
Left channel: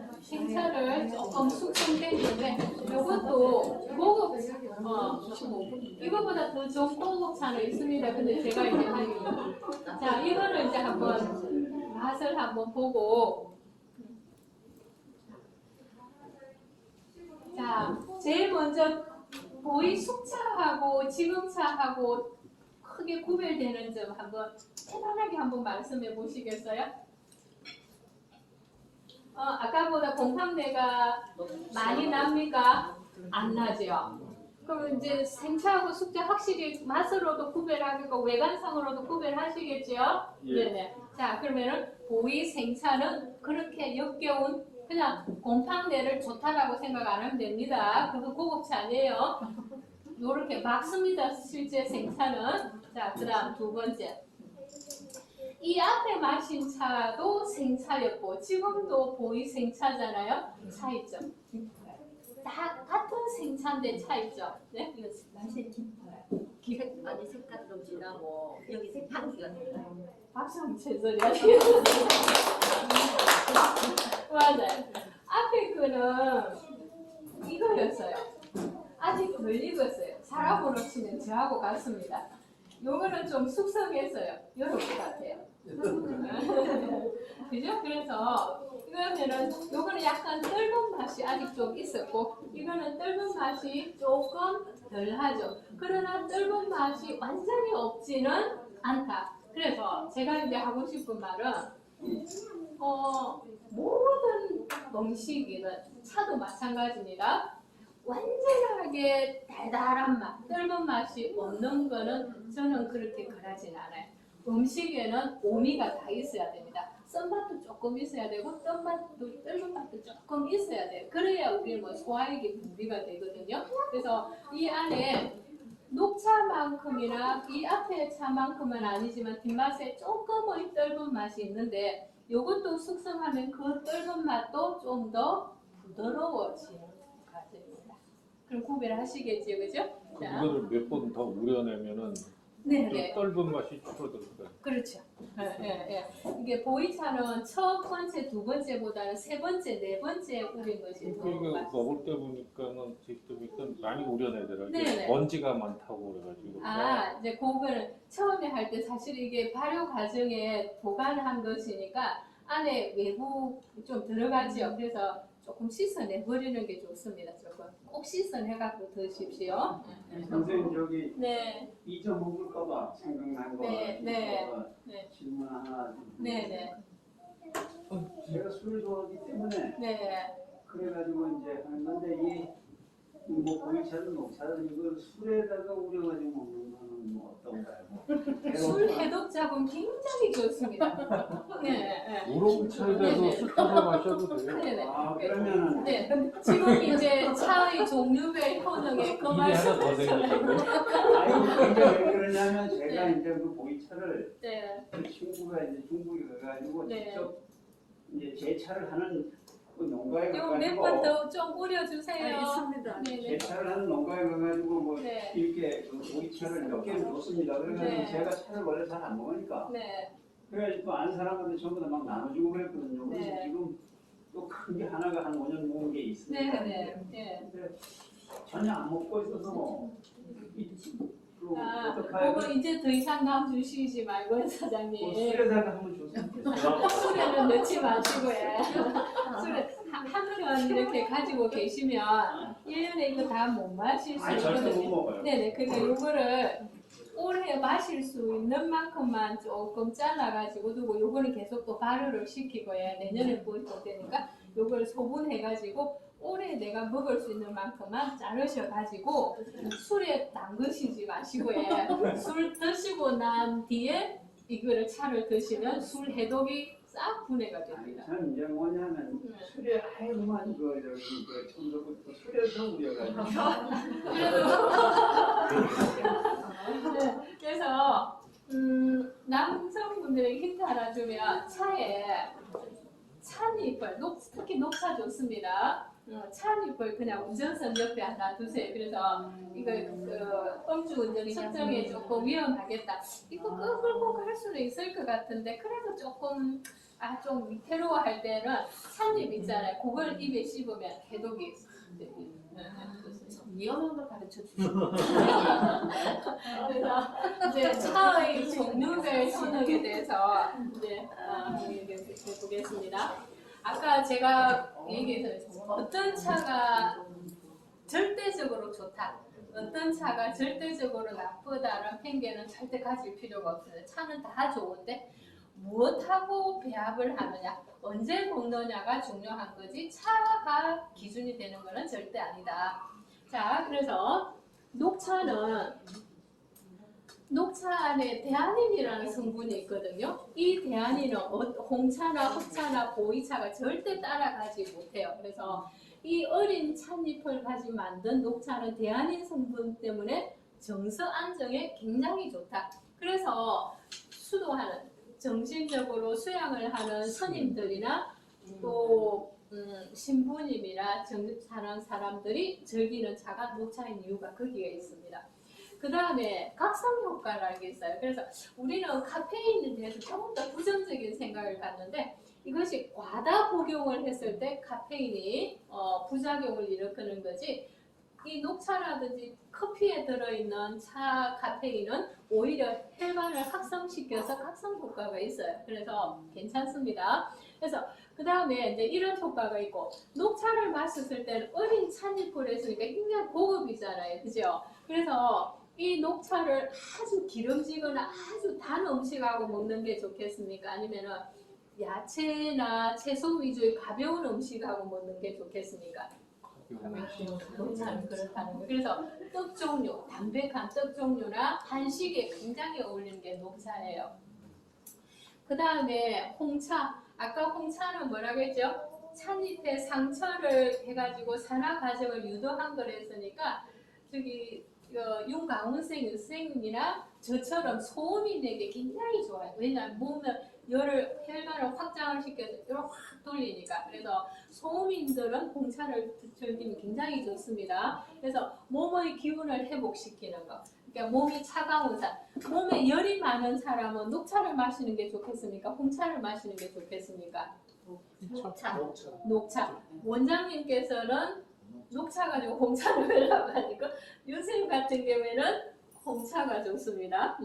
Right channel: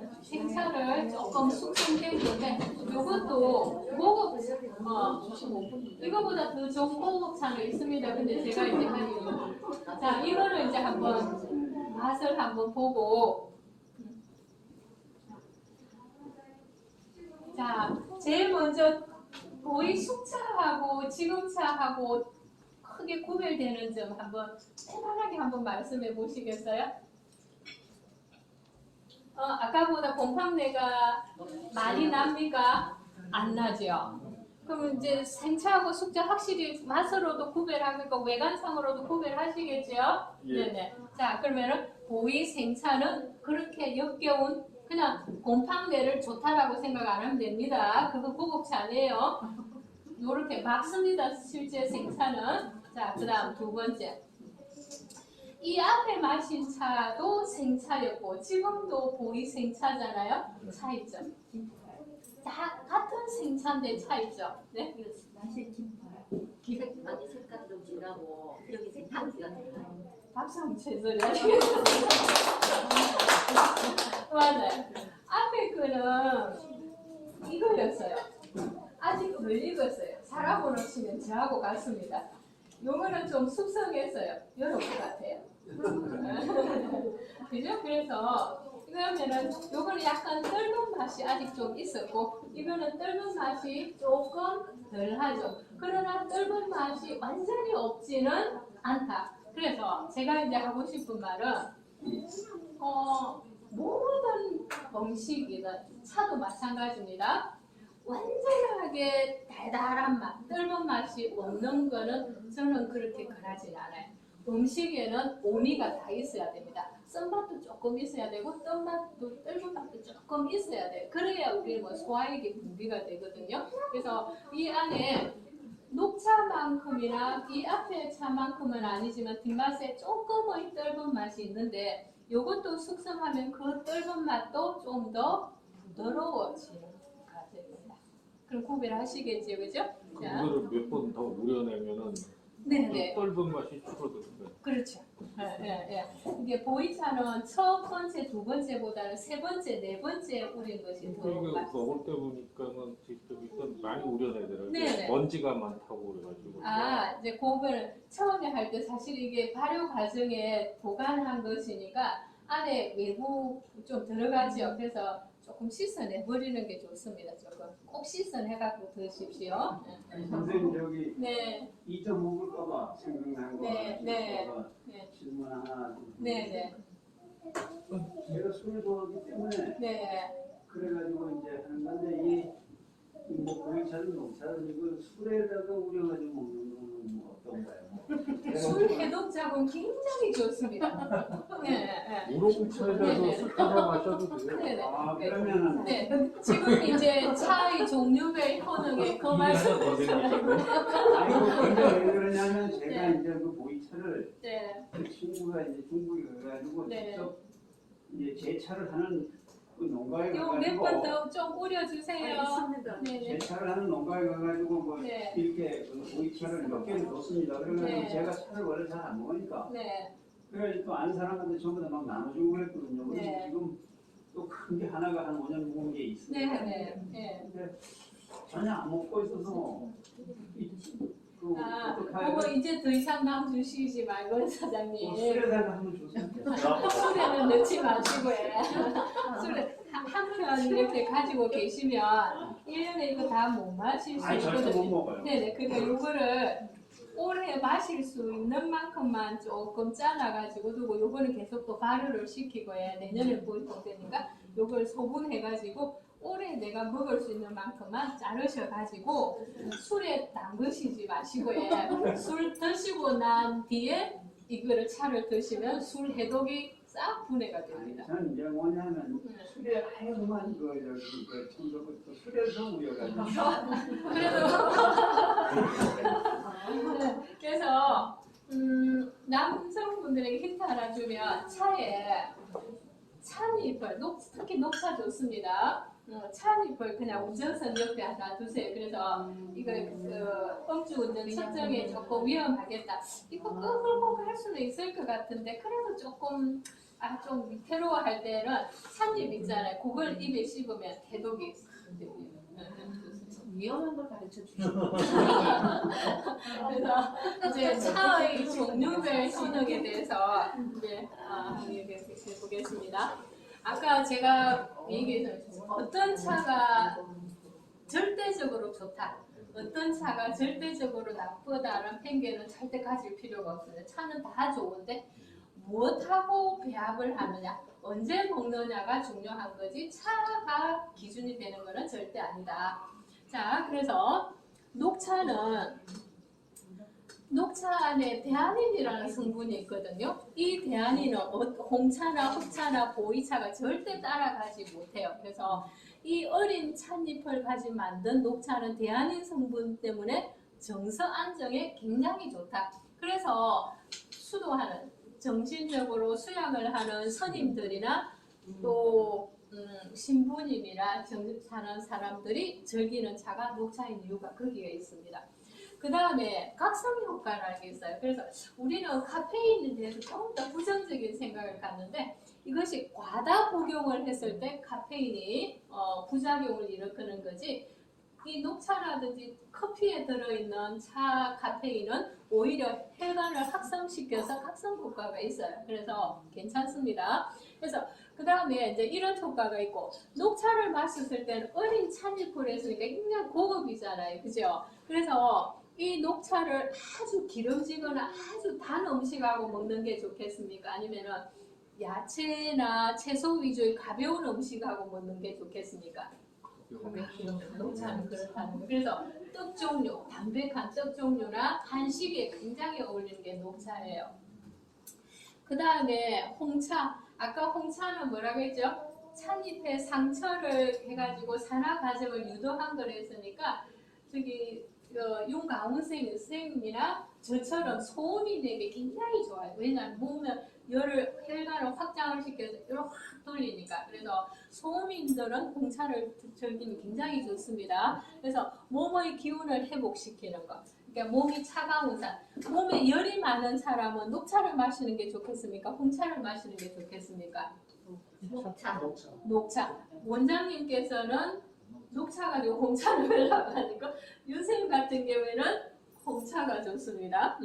조금 숙성시키는데 이것도 고급 이거보다 더 좋은 고급차는 있습니다. 근데 제가 이제 하기는 자 이거는 이제 한번 맛을 한번 보고 자 제일 먼저 보이 숙차하고 지금차하고 크게 구별되는 점 한번 편안하게 한번 말씀해 보시겠어요? 아까보다 곰팡내가 많이 납니까? 안 나죠? 그럼 이제 생차하고 숙차 확실히 맛으로도 구별하겠고 외관상으로도 구별하시겠죠? 네네. 자 그러면은 보이 생차는 그렇게 역겨운 그냥 곰팡내를 좋다라고 생각 안 하면 됩니다. 그거 고급차 아니에요. 요렇게 막습니다. 실제 생차는. 자 그다음 두 번째. 이 앞에 마신 차도 생차였고 지금도 보이 생차잖아요. 차이점. 다 같은 생차인데 차이점. 네? 이거 날씨 짙어요. 아니 색깔이 좀 진하고 여기 색판기가 색깔. 박수 한번 쳐줘야 맞아요. 앞에 거는 이거였어요. 아직 덜 익었어요. 사람으로 치면 저하고 같습니다. 요거는 좀 숙성했어요. 요렇게 같아요. 그죠? 그래서 그러면은 요거는 약간 떫은 맛이 아직 좀 있었고 이거는 떫은 맛이 조금 덜하죠. 그러나 떫은 맛이 완전히 없지는 않다. 그래서 제가 이제 하고 싶은 말은 모든 음식이든 차도 마찬가지입니다. 완전하게 달달한 맛, 떫은 맛이 없는 거는 저는 그렇게 권하진 않아요. 음식에는 오미가 다 있어야 됩니다. 쓴맛도 조금 있어야 되고 떫은 맛도 조금 있어야 돼요. 그래야 우리 소화액이 분비가 되거든요. 그래서 이 안에 녹차만큼이나 이 앞에 차만큼은 아니지만 뒷맛에 조금의 떫은 맛이 있는데 이것도 숙성하면 그 떫은 맛도 좀 더 부드러워지는 과정입니다. 그럼 구별하시겠지요, 그죠? 자, 그거를 몇 번 더 우려내면은 네네. 떫은 맛이 줄어들거든. 그렇죠. 예. 이게 보이차는 첫 번째, 두 번째보다는 세 번째, 네 번째 우린 것이 더 이거 맛있어요. 먹을 때 보니까는 직접 많이 우려내더라고요. 네네. 먼지가 많다고 그래가지고. 이제 그거는 처음에 할 때 사실 이게 발효 과정에 보관한 것이니까 안에 외부 좀 들어가지요. 그래서 조금 씻어내버리는 게 좋습니다. 조금 꼭 씻어내갖고 드십시오. 선생님 저기 네, 잊어먹을까봐 생각난 거 네. 질문 하나. 네. 제가 술을 좋아하기 때문에 그래가지고 이제 하는 건데 뭐 보이차든 녹차든 이걸 술에다가 우려가지고 먹는 거는 뭐 어떤가요? 술 해독작은 굉장히 좋습니다. 네. 우롱차에다가 술 타서 마셔도 돼요. 네네. 아 그러면은 네, 지금 이제 차의 종류별 효능에 그 입이 말씀 하나 더 되니까. 아이고 이제 왜 그러냐면 제가 네. 이제 그 보이차를 네, 친구가 이제 중국에 가가지고 네. 직접 이제 제차를 하는 그 농가에 이거 몇 가가지고 번 더 좀 뿌려주세요. 있습니다. 네네. 제차를 하는 농가에 가가지고 뭐 네. 이렇게 그 보이차를 몇 개를 줬습니다. 그러면 네. 제가 차를 원래 잘 안 먹으니까 네, 그래가지고 또 아는 사람한테 전부 다 막 나눠주고 그랬거든요. 그래서 네. 지금 또 큰 게 하나가 한 5년 먹은 게 있습니다. 네. 근데 전혀 안 먹고 있어서 요거 이제 더 이상 남 주시지 말고 사장님. 술에다가 한번 줬으면 술에는 넣지 마시고요. 술에 한편 이렇게 가지고 계시면 1년에 이거 다 못 마실 수 아니 절대 못 있거든요. 먹어요. 네네. 그러니까 요거를 오래 마실 수 있는 만큼만 조금 잘라가지고 두고 요거는 계속 또 발효를 시키고요. 내년에 보일 되니까 요걸 소분해가지고 오래 내가 먹을 수 있는 만큼만 자르셔가지고 술에 담그시지 마시고요. 술 드시고 난 뒤에 이거를 차를 드시면 술 해독이 싹 분해가 됩니다. 저는 이제 뭐냐면 술에 하얀만 그 저기 그 청도부터 술에서 우려가지고 그래서 남성분들에게 힌트 하나 주면 차에 찻잎을 특히 녹차 좋습니다. 찻잎을 그냥 운전석 옆에 하나 두세요. 그래서 이거 음주운전 측정에 조금 위험하겠다. 이거 끌고 갈 수는 있을 것 같은데 그래도 조금 좀 위태로워할 때는 찻잎 있잖아요. 그걸 입에 씹으면 해독이 위험한 걸 가르쳐 주시고. 그래서 이제 차의 종류별 신학에 대해서 이제 해보겠습니다. 아까 제가 얘기했던 어떤 차가 절대적으로 좋다, 어떤 차가 절대적으로 나쁘다는 편견은 절대 가질 필요가 없어요. 차는 다 좋은데 무엇하고 배합을 하느냐, 언제 먹느냐가 중요한 거지 차가 기준이 되는 것은 절대 아니다. 자, 그래서 녹차 안에 대안인이라는 성분이 있거든요. 이 대안인은 홍차나 흑차나 보이차가 절대 따라가지 못해요. 그래서 이 어린 찻잎을 가지고 만든 녹차는 대안인 성분 때문에 정서 안정에 굉장히 좋다. 그래서 수도하는, 정신적으로 수양을 하는 스님들이나 또 신부님이나 사는 사람들이 즐기는 차가 녹차인 이유가 거기에 있습니다. 그 다음에 각성 효과를 알고 있어요. 그래서 우리는 카페인에 대해서 조금 더 부정적인 생각을 갖는데, 이것이 과다 복용을 했을 때 카페인이 부작용을 일으키는 거지, 이 녹차라든지 커피에 들어있는 차 카페인은 오히려 혈관을 확성시켜서 각성 효과가 있어요. 그래서 괜찮습니다. 그래서 그 다음에 이제 이런 효과가 있고, 녹차를 마셨을 때는 어린 찻잎을 해서 굉장히 고급이잖아요. 그죠? 그래서 이 녹차를 아주 기름지거나 아주 단 음식하고 먹는 게 좋겠습니까? 아니면은 야채나 채소 위주의 가벼운 음식하고 먹는 게 좋겠습니까? 녹차는 그렇다는 거예요. 그래서 떡 종류, 담백한 떡 종류나 한식에 굉장히 어울리는 게 녹차예요. 그 다음에 홍차. 아까 홍차는 뭐라고 했죠? 찻잎에 상처를 해가지고 산화 과정을 유도한 걸 했으니까 저기 윤가운 선생님이나 저처럼 소음인에게 굉장히 좋아요. 왜냐하면 몸을 혈관을 확장을 시켜서 열을 확 돌리니까. 그래서 소음인들은 홍차를 즐기면 굉장히 좋습니다. 그래서 몸의 기운을 회복시키는 거. 그러니까 몸이 차가운 사람, 몸에 열이 많은 사람은 녹차를 마시는 게 좋겠습니까? 홍차를 마시는 게 좋겠습니까? 녹차. 원장님께서는 녹차 가지고 홍차를 하려고 하니까 윤쌤 같은 경우에는 홍차가 좋습니다.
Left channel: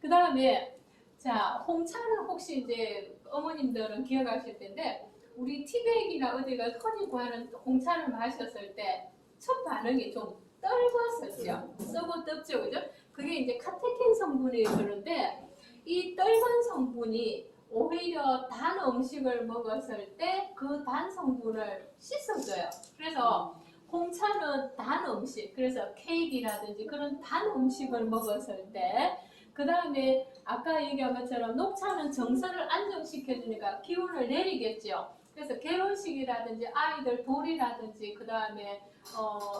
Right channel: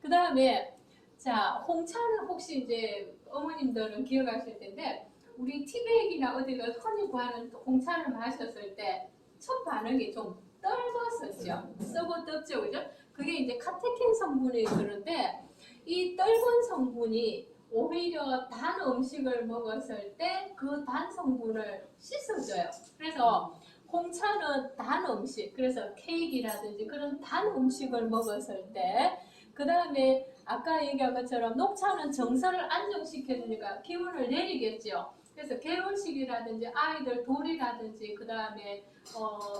그 다음에 자, 홍차는 혹시 이제 어머님들은 기억하실 텐데, 우리 티백이나 어디가 흔히 구하는 홍차를 마셨을 때 첫 반응이 좀 떨궜었죠. 썩어 떴죠, 그죠? 그게 이제 카테킨 성분이 그런데, 이 떨건 성분이 오히려 단 음식을 먹었을 때 그 단 성분을 씻어줘요. 그래서 홍차는 단 음식, 그래서 케이크라든지 그런 단 음식을 먹었을 때, 그 다음에 아까 얘기한 것처럼 녹차는 정서를 안정시켜주니까 기운을 내리겠죠. 그래서 개혼식이라든지 아이들 돌이라든지 그 다음에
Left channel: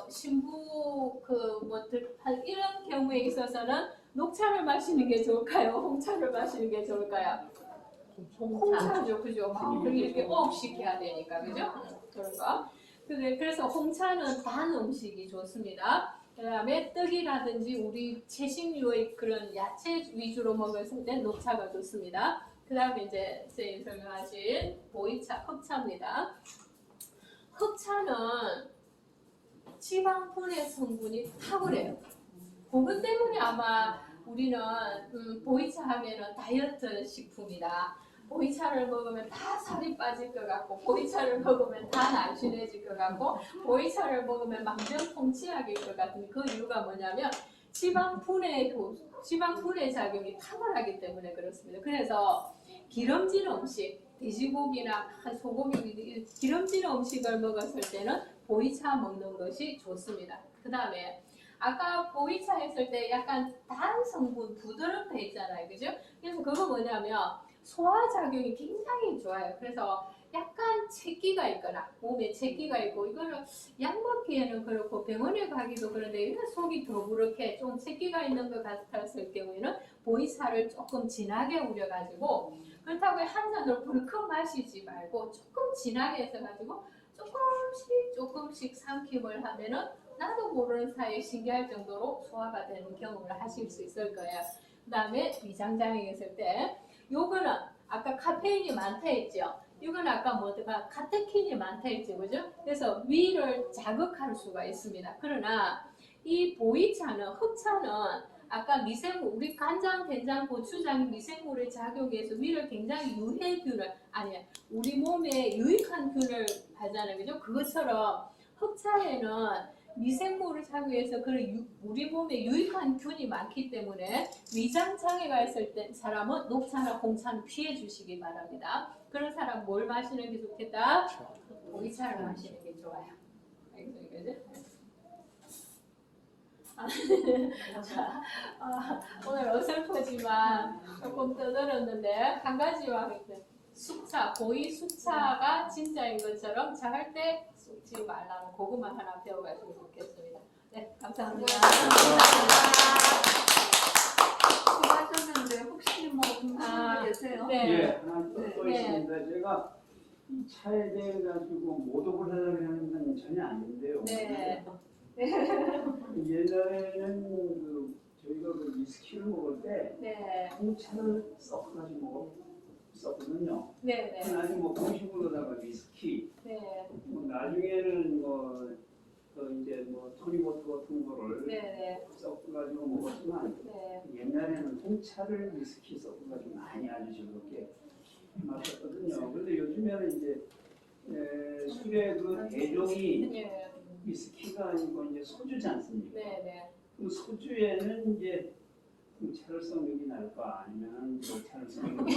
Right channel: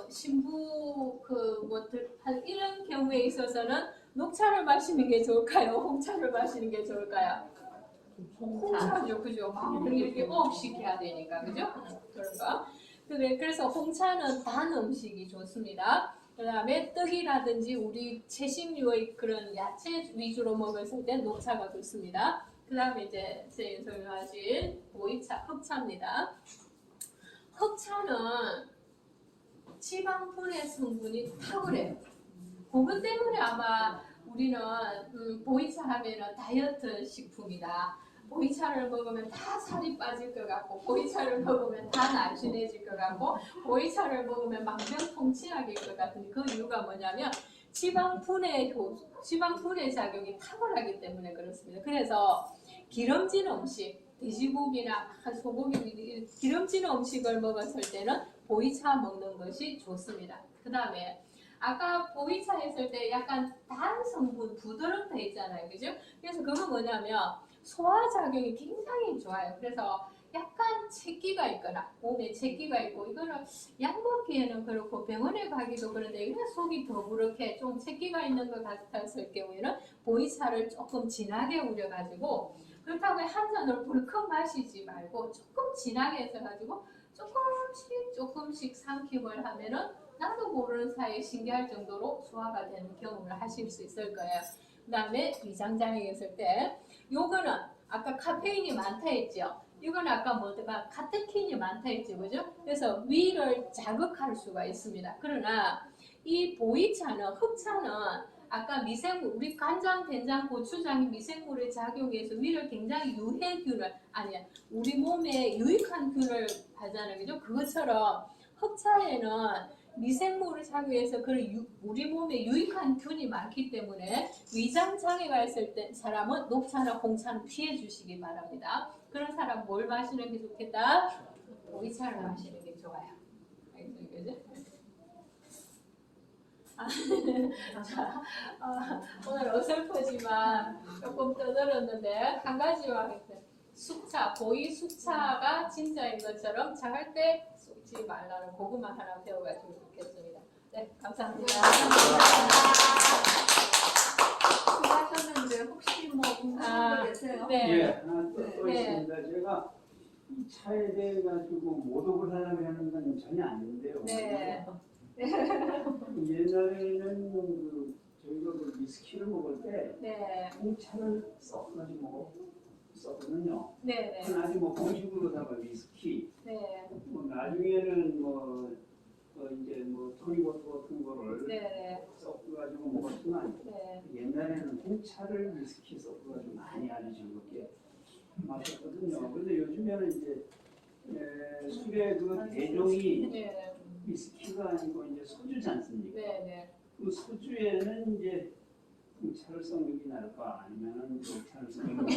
신부 이런 경우에 있어서는 녹차를 마시는 게 좋을까요? 홍차를 마시는 게 좋을까요? 홍차죠, 그죠? 그럼 이렇게 업시켜야 되니까, 그죠? 그런 거. 그래서 홍차는 단 음식이 좋습니다. 그 다음에 떡이라든지 우리 채식류의 그런 야채 위주로 먹을 때 녹차가 좋습니다. 그 다음에 이제 선생님 설명하신 보이차, 흑차입니다. 흑차는 지방 분해 성분이 탁월해요. 그것 때문에 아마 우리는 보이차 하면은 다이어트 식품이다. 보이차를 먹으면 다 살이 빠질 것 같고, 보이차를 먹으면 다 날씬해질 것 같고, 보이차를 먹으면 만병통치약일 것 같은 그 이유가 뭐냐면 지방 분해 작용이 탁월하기 때문에 그렇습니다. 그래서 기름진 음식, 돼지고기나 소고기, 기름진 음식을 먹었을 때는 보이차 먹는 것이 좋습니다. 그 다음에 아까 보이차 했을 때 약간 단 성분 부드럽다 했잖아요, 그죠? 그래서 그거 뭐냐면 소화작용이 굉장히 좋아요. 그래서 약간 채기가 있거나 몸에 채기가 있고, 이거는 약 먹기에는 그렇고 병원에 가기도 그런데 이런 속이 더부룩해 좀 채기가 있는 것 같았을 경우에는 보이차를 조금 진하게 우려가지고, 그렇다고 한 잔을 불컥 마시지 말고 조금 진하게 해서가지고 조금씩 삼킴을 하면은 나도 모르는 사이에 신기할 정도로 소화가 되는 경험을 하실 수 있을 거예요. 그 다음에 위장장애 있을 때 요거는 아까 카페인이 많다 했죠. 이건 아까 뭐가 카테킨이 많다 했죠, 그죠? 그래서 위를 자극할 수가 있습니다. 그러나 이 보이차는 흑차는 아까 미생물, 우리 간장, 된장, 고추장이 미생물에 작용해서 위를 굉장히 유해균을 아니야, 우리 몸에 유익한 균을 하잖아요, 그죠? 그것처럼 흑차에는 미생물을 작용해서 우리 몸에 유익한 균이 많기 때문에 위장 장애가 있을 때 사람은 녹차나 홍차는 피해 주시기 바랍니다. 그런 사람 뭘 마시는 게 좋겠다? 보이차를 마시는 게 좋아요. 그죠? 자, 오늘 어설프지만 조금 떠들었는데 한 가지와 숙차, 보이 숙차가 진짜인 것처럼 자갈 때 쏟지 말라는 그것만 하나 배워가지고 좋겠습니다. 네, 감사합니다. 수고하셨는데 혹시 뭐 궁금한 게 계세요? 네. 예, 하나 또 네. 있습니다. 제가 이 차에 대해 가지고 모독을 하려고 하는 건 전혀 아닌데요. 네. 예전에는 저희가 그 위스키를 먹을 때 네. 홍차를 섞어가지고 먹었거든요. 네. 네. 아니 뭐 공식으로다가 위스키, 네. 뭐 나중에는 이제 토니버터 같은 거를 네. 섞어가지고 먹었지만 네. 옛날에는 홍차를 위스키 섞어가지고 많이 아주 즐겁게 마셨거든요. 그런데 요즘에는 이제 술의 그 대종이 네. 위스키가 아니고 이제 소주지 않습니까? 네. 그 소주에는 이제 차를 섞는 게 나을까 아니면 녹차를 섞는 게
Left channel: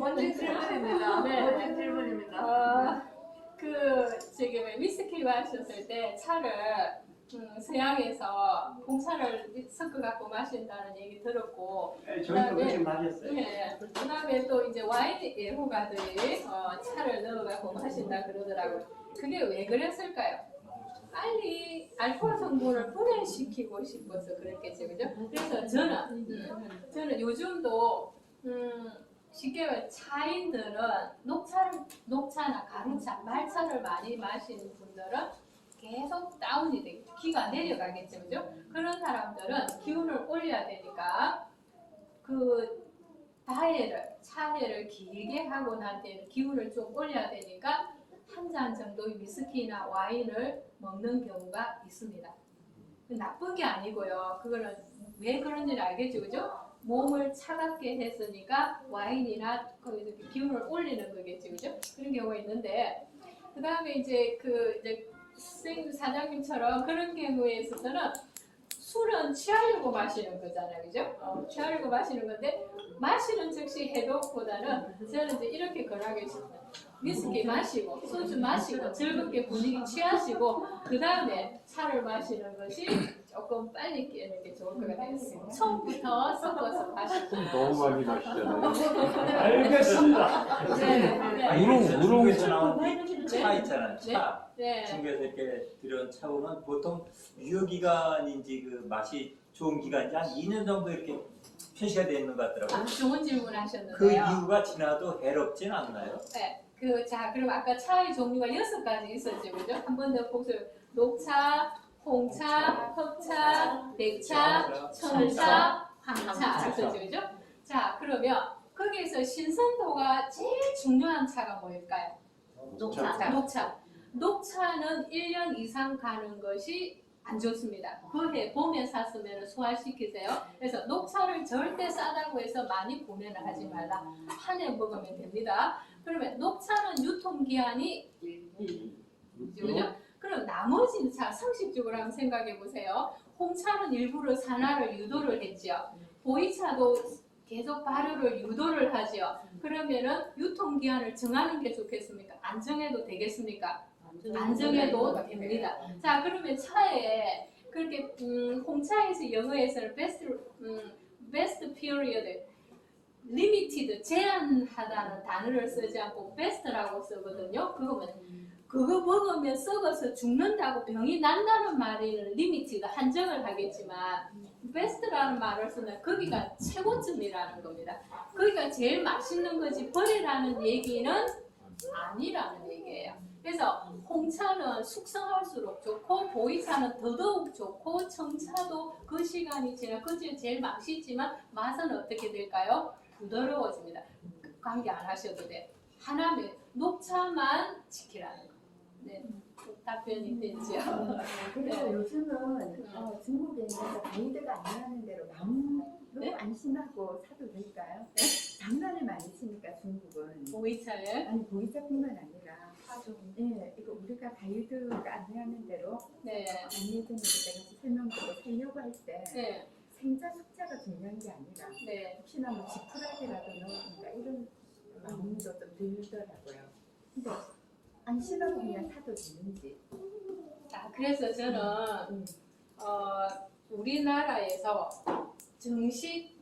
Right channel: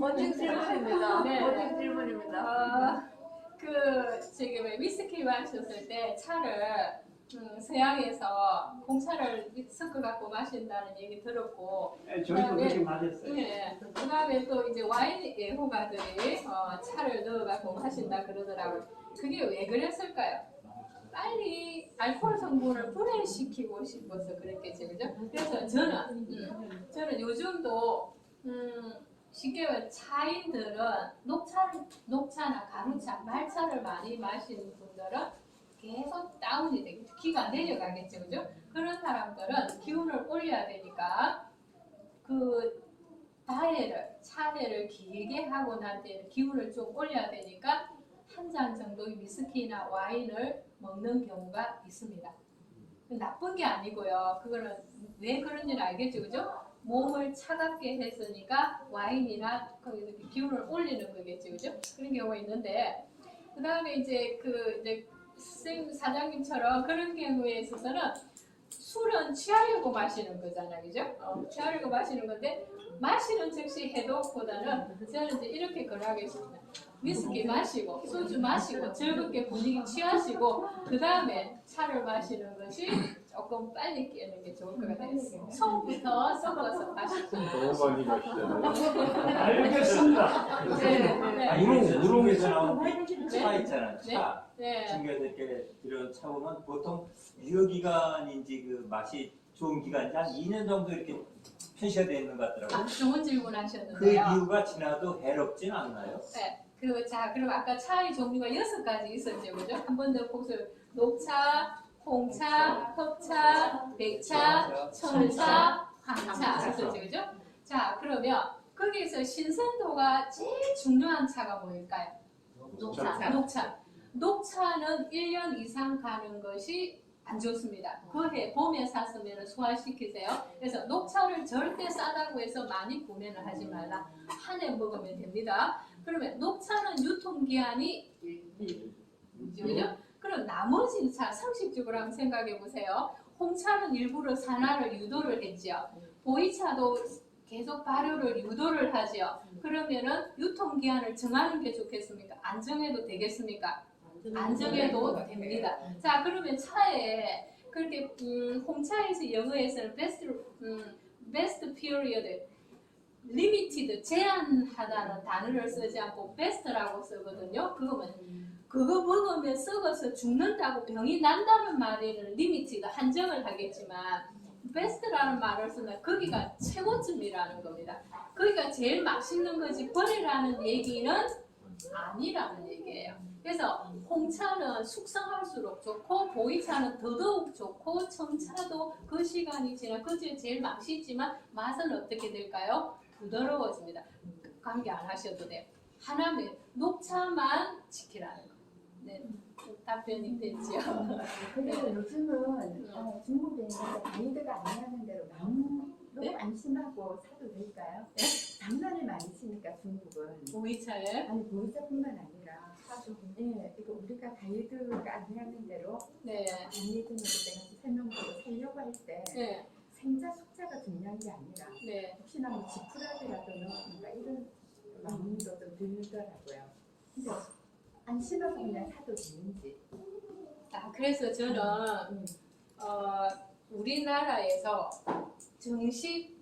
멋진 질문입니다. 네. 멋진 질문입니다. 지금 위스키 마셨을 때 차를 서양에서 홍차를 섞어 갖고 마신다는 얘기 들었고, 저희도 그렇게 마셨어요. 네, 그다음에 또 이제 와인 애호가들이 차를 넣어 갖고 마신다 그러더라고요. 그게 왜 그랬을까요? 빨리 알코올 성분을 분해시키고 싶어서 그랬겠죠, 그죠? 그래서 저는 요즘도 쉽게 말해 차인들은 녹차나 가루차, 말차를 많이 마시는 분들은 계속 다운이 되겠죠. 기가 내려가겠죠, 그죠? 그런 사람들은 기운을 올려야 되니까 그 차회를 길게 하고 난 뒤에는 기운을 좀 올려야 되니까 한 잔 정도의 위스키나 와인을 먹는 경우가 있습니다. 나쁜 게 아니고요. 그거는 왜 그런지는 알겠죠, 그죠? 몸을 차갑게 했으니까 와인이나 거기서 기운을 올리는 거겠죠, 그죠? 그런 경우가 있는데, 그 다음에 이제 선생님 사장님처럼 그런 경우에 있어서는 술은 취하려고 마시는 거잖아요, 그죠? 취하려고 마시는 건데, 마시는 즉시 해독보다는 저는 이제 이렇게 권하겠습니다. 위스키 마시고 소주 마시고 즐겁게 분위기 취하시고 그 다음에 차를 마시는 것이 조금 빨리 깨는 게 좋을 것 같아요. 처음부터 섞어서 마시고. 너무 많이 마시잖아요. 알겠습니다. 네. 중국에서 나온 차 있잖아요. 차. 네. 중국에서 이렇게 들여온 차 보면 보통 유효기간인지 그 맛이 좋은 기간인지 한 2년 정도 이렇게 표시가 되어 있는 것 같더라고요. 좋은 질문 그 하셨는데요. 이유가 지나도 해롭진 않나요? 네. 자, 그럼 아까 차의 종류가 6가지 있었죠, 그죠? 한 번 더 복습. 녹차, 홍차, 흑차, 백차, 청차, 황차 있었죠, 그죠? 자, 그러면 거기에서 신선도가 제일 중요한 차가 뭐일까요? 녹차. 녹차는 1년 이상 가는 것이 안 좋습니다. 그해 봄에 샀으면 소화시키세요. 그래서 녹차를 절대 싸다고 해서 많이 구매를 하지 말라. 한 해 먹으면 됩니다. 그러면 녹차는 유통기한이 그죠? 그럼 나머지 차 상식적으로 한번 생각해 보세요. 홍차는 일부러 산화를 유도를 했죠. 보이차도 계속 발효를 유도를 하죠. 그러면은 유통기한을 정하는 게 좋겠습니까? 안 정해도 되겠습니까? 안 정해도 됩니다. 자, 그러면 차에 그렇게 홍차에서 영어에서는 best period, limited, 제한하다는 단어를 쓰지 않고 best라고 쓰거든요. 그거 먹으면 썩어서 죽는다고 병이 난다는 말에는 limited, 한정을 하겠지만 best라는 말을 쓰면 거기가 최고점이라는 겁니다. 거기가 제일 맛있는 거지 버리라는 얘기는 아니라는 얘기예요. 그래서 홍차는 숙성할수록 좋고 보이차는 더더욱 좋고 청차도 그 시간이 지나 그중에 제일 맛있지만 맛은 어떻게 될까요? 부드러워집니다. 관계 안 하셔도 돼. 하나는 녹차만 지키라는 거. 네, 답변이 됐죠. 그래서 요즘은 중국에 있는 가이드가 안내하는 대로 마음으로 네? 안심하고 사도 될까요? 장난을 많이 치니까 중국은 보이차를 아니 보이차뿐만 아니라 예, 이거 우리가 가이드가 안내하는 대로 네, 안내해주는 데 내가 설명드리고 살려고 할 때 네, 생자 숙자가 중요한 게 아니라 네. 혹시나 뭐 지푸라기라든가 뭔가 이런 마음도 좀 들더라고요. 근데 안심하고 그냥 사도 되는지. 자, 그래서 저는 우리나라에서 정식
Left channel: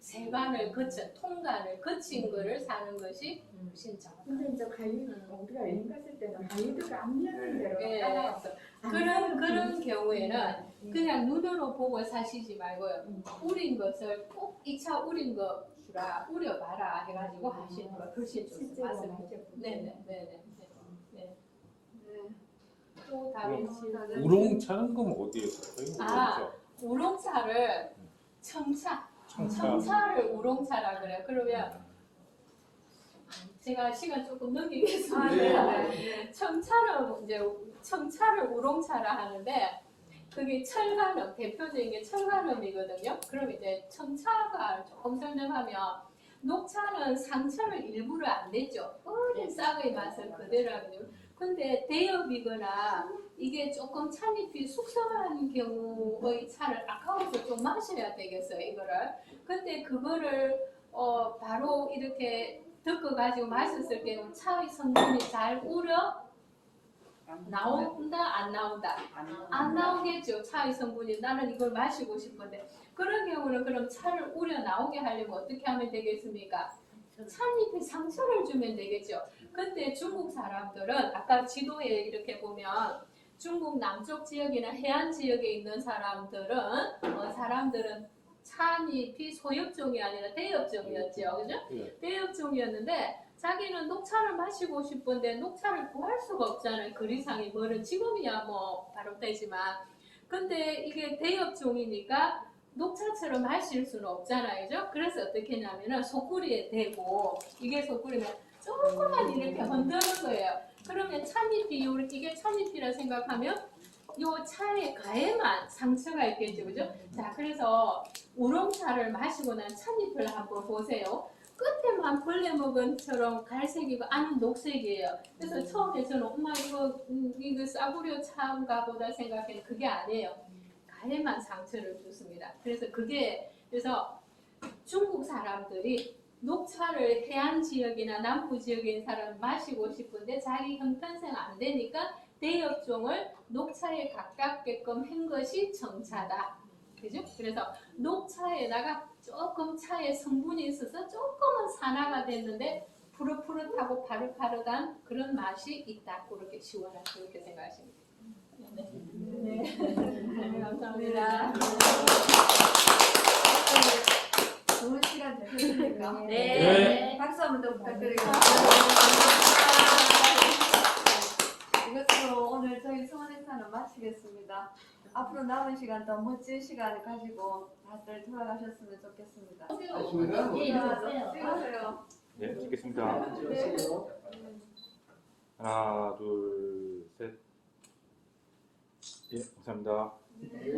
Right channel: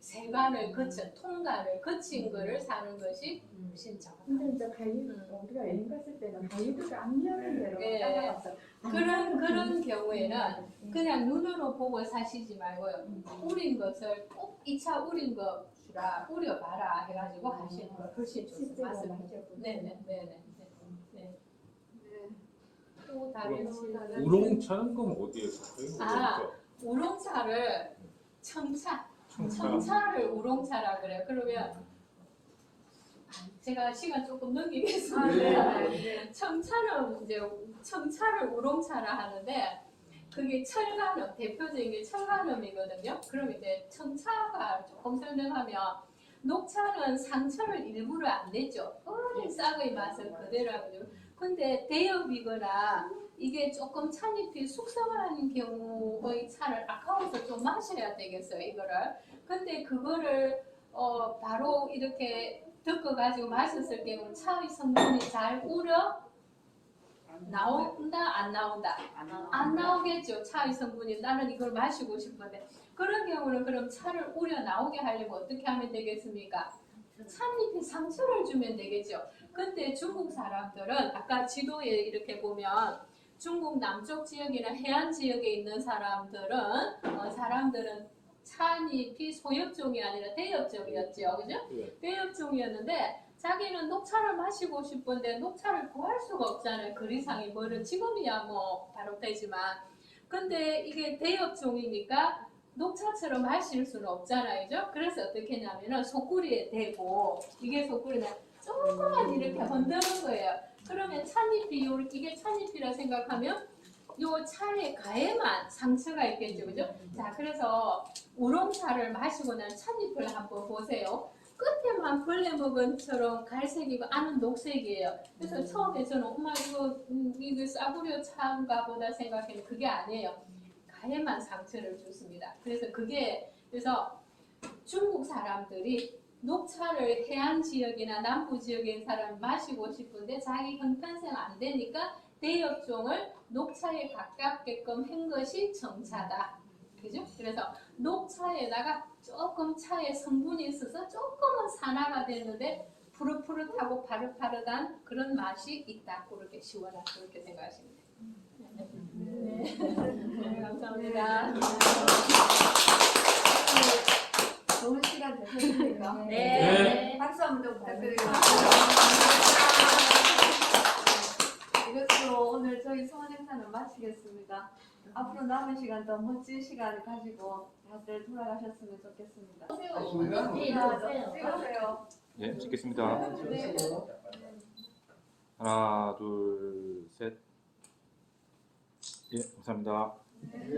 세관을 거친 통관을 거친 거를 사는 것이 훨씬 정확합니다. 근데 이제 가이드 우리가 여행 갔을 때는 가이드가 안내하는 대로 네. 따라가서 그런 경우에는 그냥 눈으로 보고 사시지 말고요. 우린 것을 꼭 2차 우린 거 주라 우려봐라 해가지고 하시는 거 훨씬 좋습니다. 실제로 맞습니다. 마셔보고. 네네. 네. 또 다른 질문. 우롱차는 그럼 어디에서 사요? 우롱차를 청차를 우롱차라 그래요. 그러면 제가 시간 조금 넘기겠습니다. 청차를 우롱차라 하는데 그게 철간음 대표적인 게 철간음이거든요. 그럼 이제 청차가 조금 설명하면 녹차는 상처를 일부러 안 냈죠. 어린 싹의 맛을 그대로 하거든요. 근데 대엽이거나 이게 조금 찬잎이 숙성하는 경우의 차를 아까워서 좀 마셔야 되겠어요, 이거를. 근데 그거를 바로 이렇게 덮어가지고 마셨을 경우 차의 성분이 잘 우려 나온다, 안 나온다? 안 나오겠죠, 차의 성분이. 나는 이걸 마시고 싶은데. 그런 경우는 그럼 차를 우려 나오게 하려면 어떻게 하면 되겠습니까? 찻잎에 상처를 주면 되겠죠. 근데 중국 사람들은 아까 지도에 이렇게 보면 중국 남쪽 지역이나 해안 지역에 있는 사람들은 찻잎이 소엽종이 아니라 대엽종이었죠, 그죠? 예. 대엽종이었는데 자기는 녹차를 마시고 싶은데 녹차를 구할 수가 없잖아요. 거리상이 멀은 지금이야 뭐 바로 되지만, 근데 이게 대엽종이니까 녹차처럼 마실 수는 없잖아요, 그죠? 그래서 어떻게 했냐면은 소쿠리에 대고, 이게 소쿠리면 조금만 이렇게 흔드는 거예요. 그러면 찻잎이 이게 찻잎이라 생각하면 요 차의 가에만 상처가 있겠죠, 그죠? 자, 그래서 우롱차를 마시고 난 찻잎을 한번 보세요. 끝에만 벌레 먹은처럼 갈색이고 안은 녹색이에요. 그래서 처음에 저는 엄마 이거 싸구려 차인가 보다 생각했는데 그게 아니에요. 가에만 상처를 줬습니다. 그래서 중국 사람들이 녹차를 해안 지역이나 남부 지역에 있는 사람 마시고 싶은데 자기 형편상 안 되니까 대엽종을 녹차에 가깝게끔 한 것이 청차다. 그죠? 그래서 녹차에다가 조금 차에 성분이 있어서 조금은 산화가 됐는데 푸릇푸릇하고 파릇파릇한 그런 맛이 있다. 그렇게 시원하다. 그렇게 생각하시면 돼요. 네, 감사합니다. 좋은 시간 되셨습니까? 네. 박수 한번 더 부탁드리겠습니다. 이것으로 오늘 저희 수원 행사는 마치겠습니다. 앞으로 남은 시간 더 멋진 시간을 가지고 다들 돌아가셨으면 좋겠습니다. 네, 일어나세요. 찍으세요. 네, 찍겠습니다. 네. 하나, 둘, 셋. 예, 감사합니다. 네.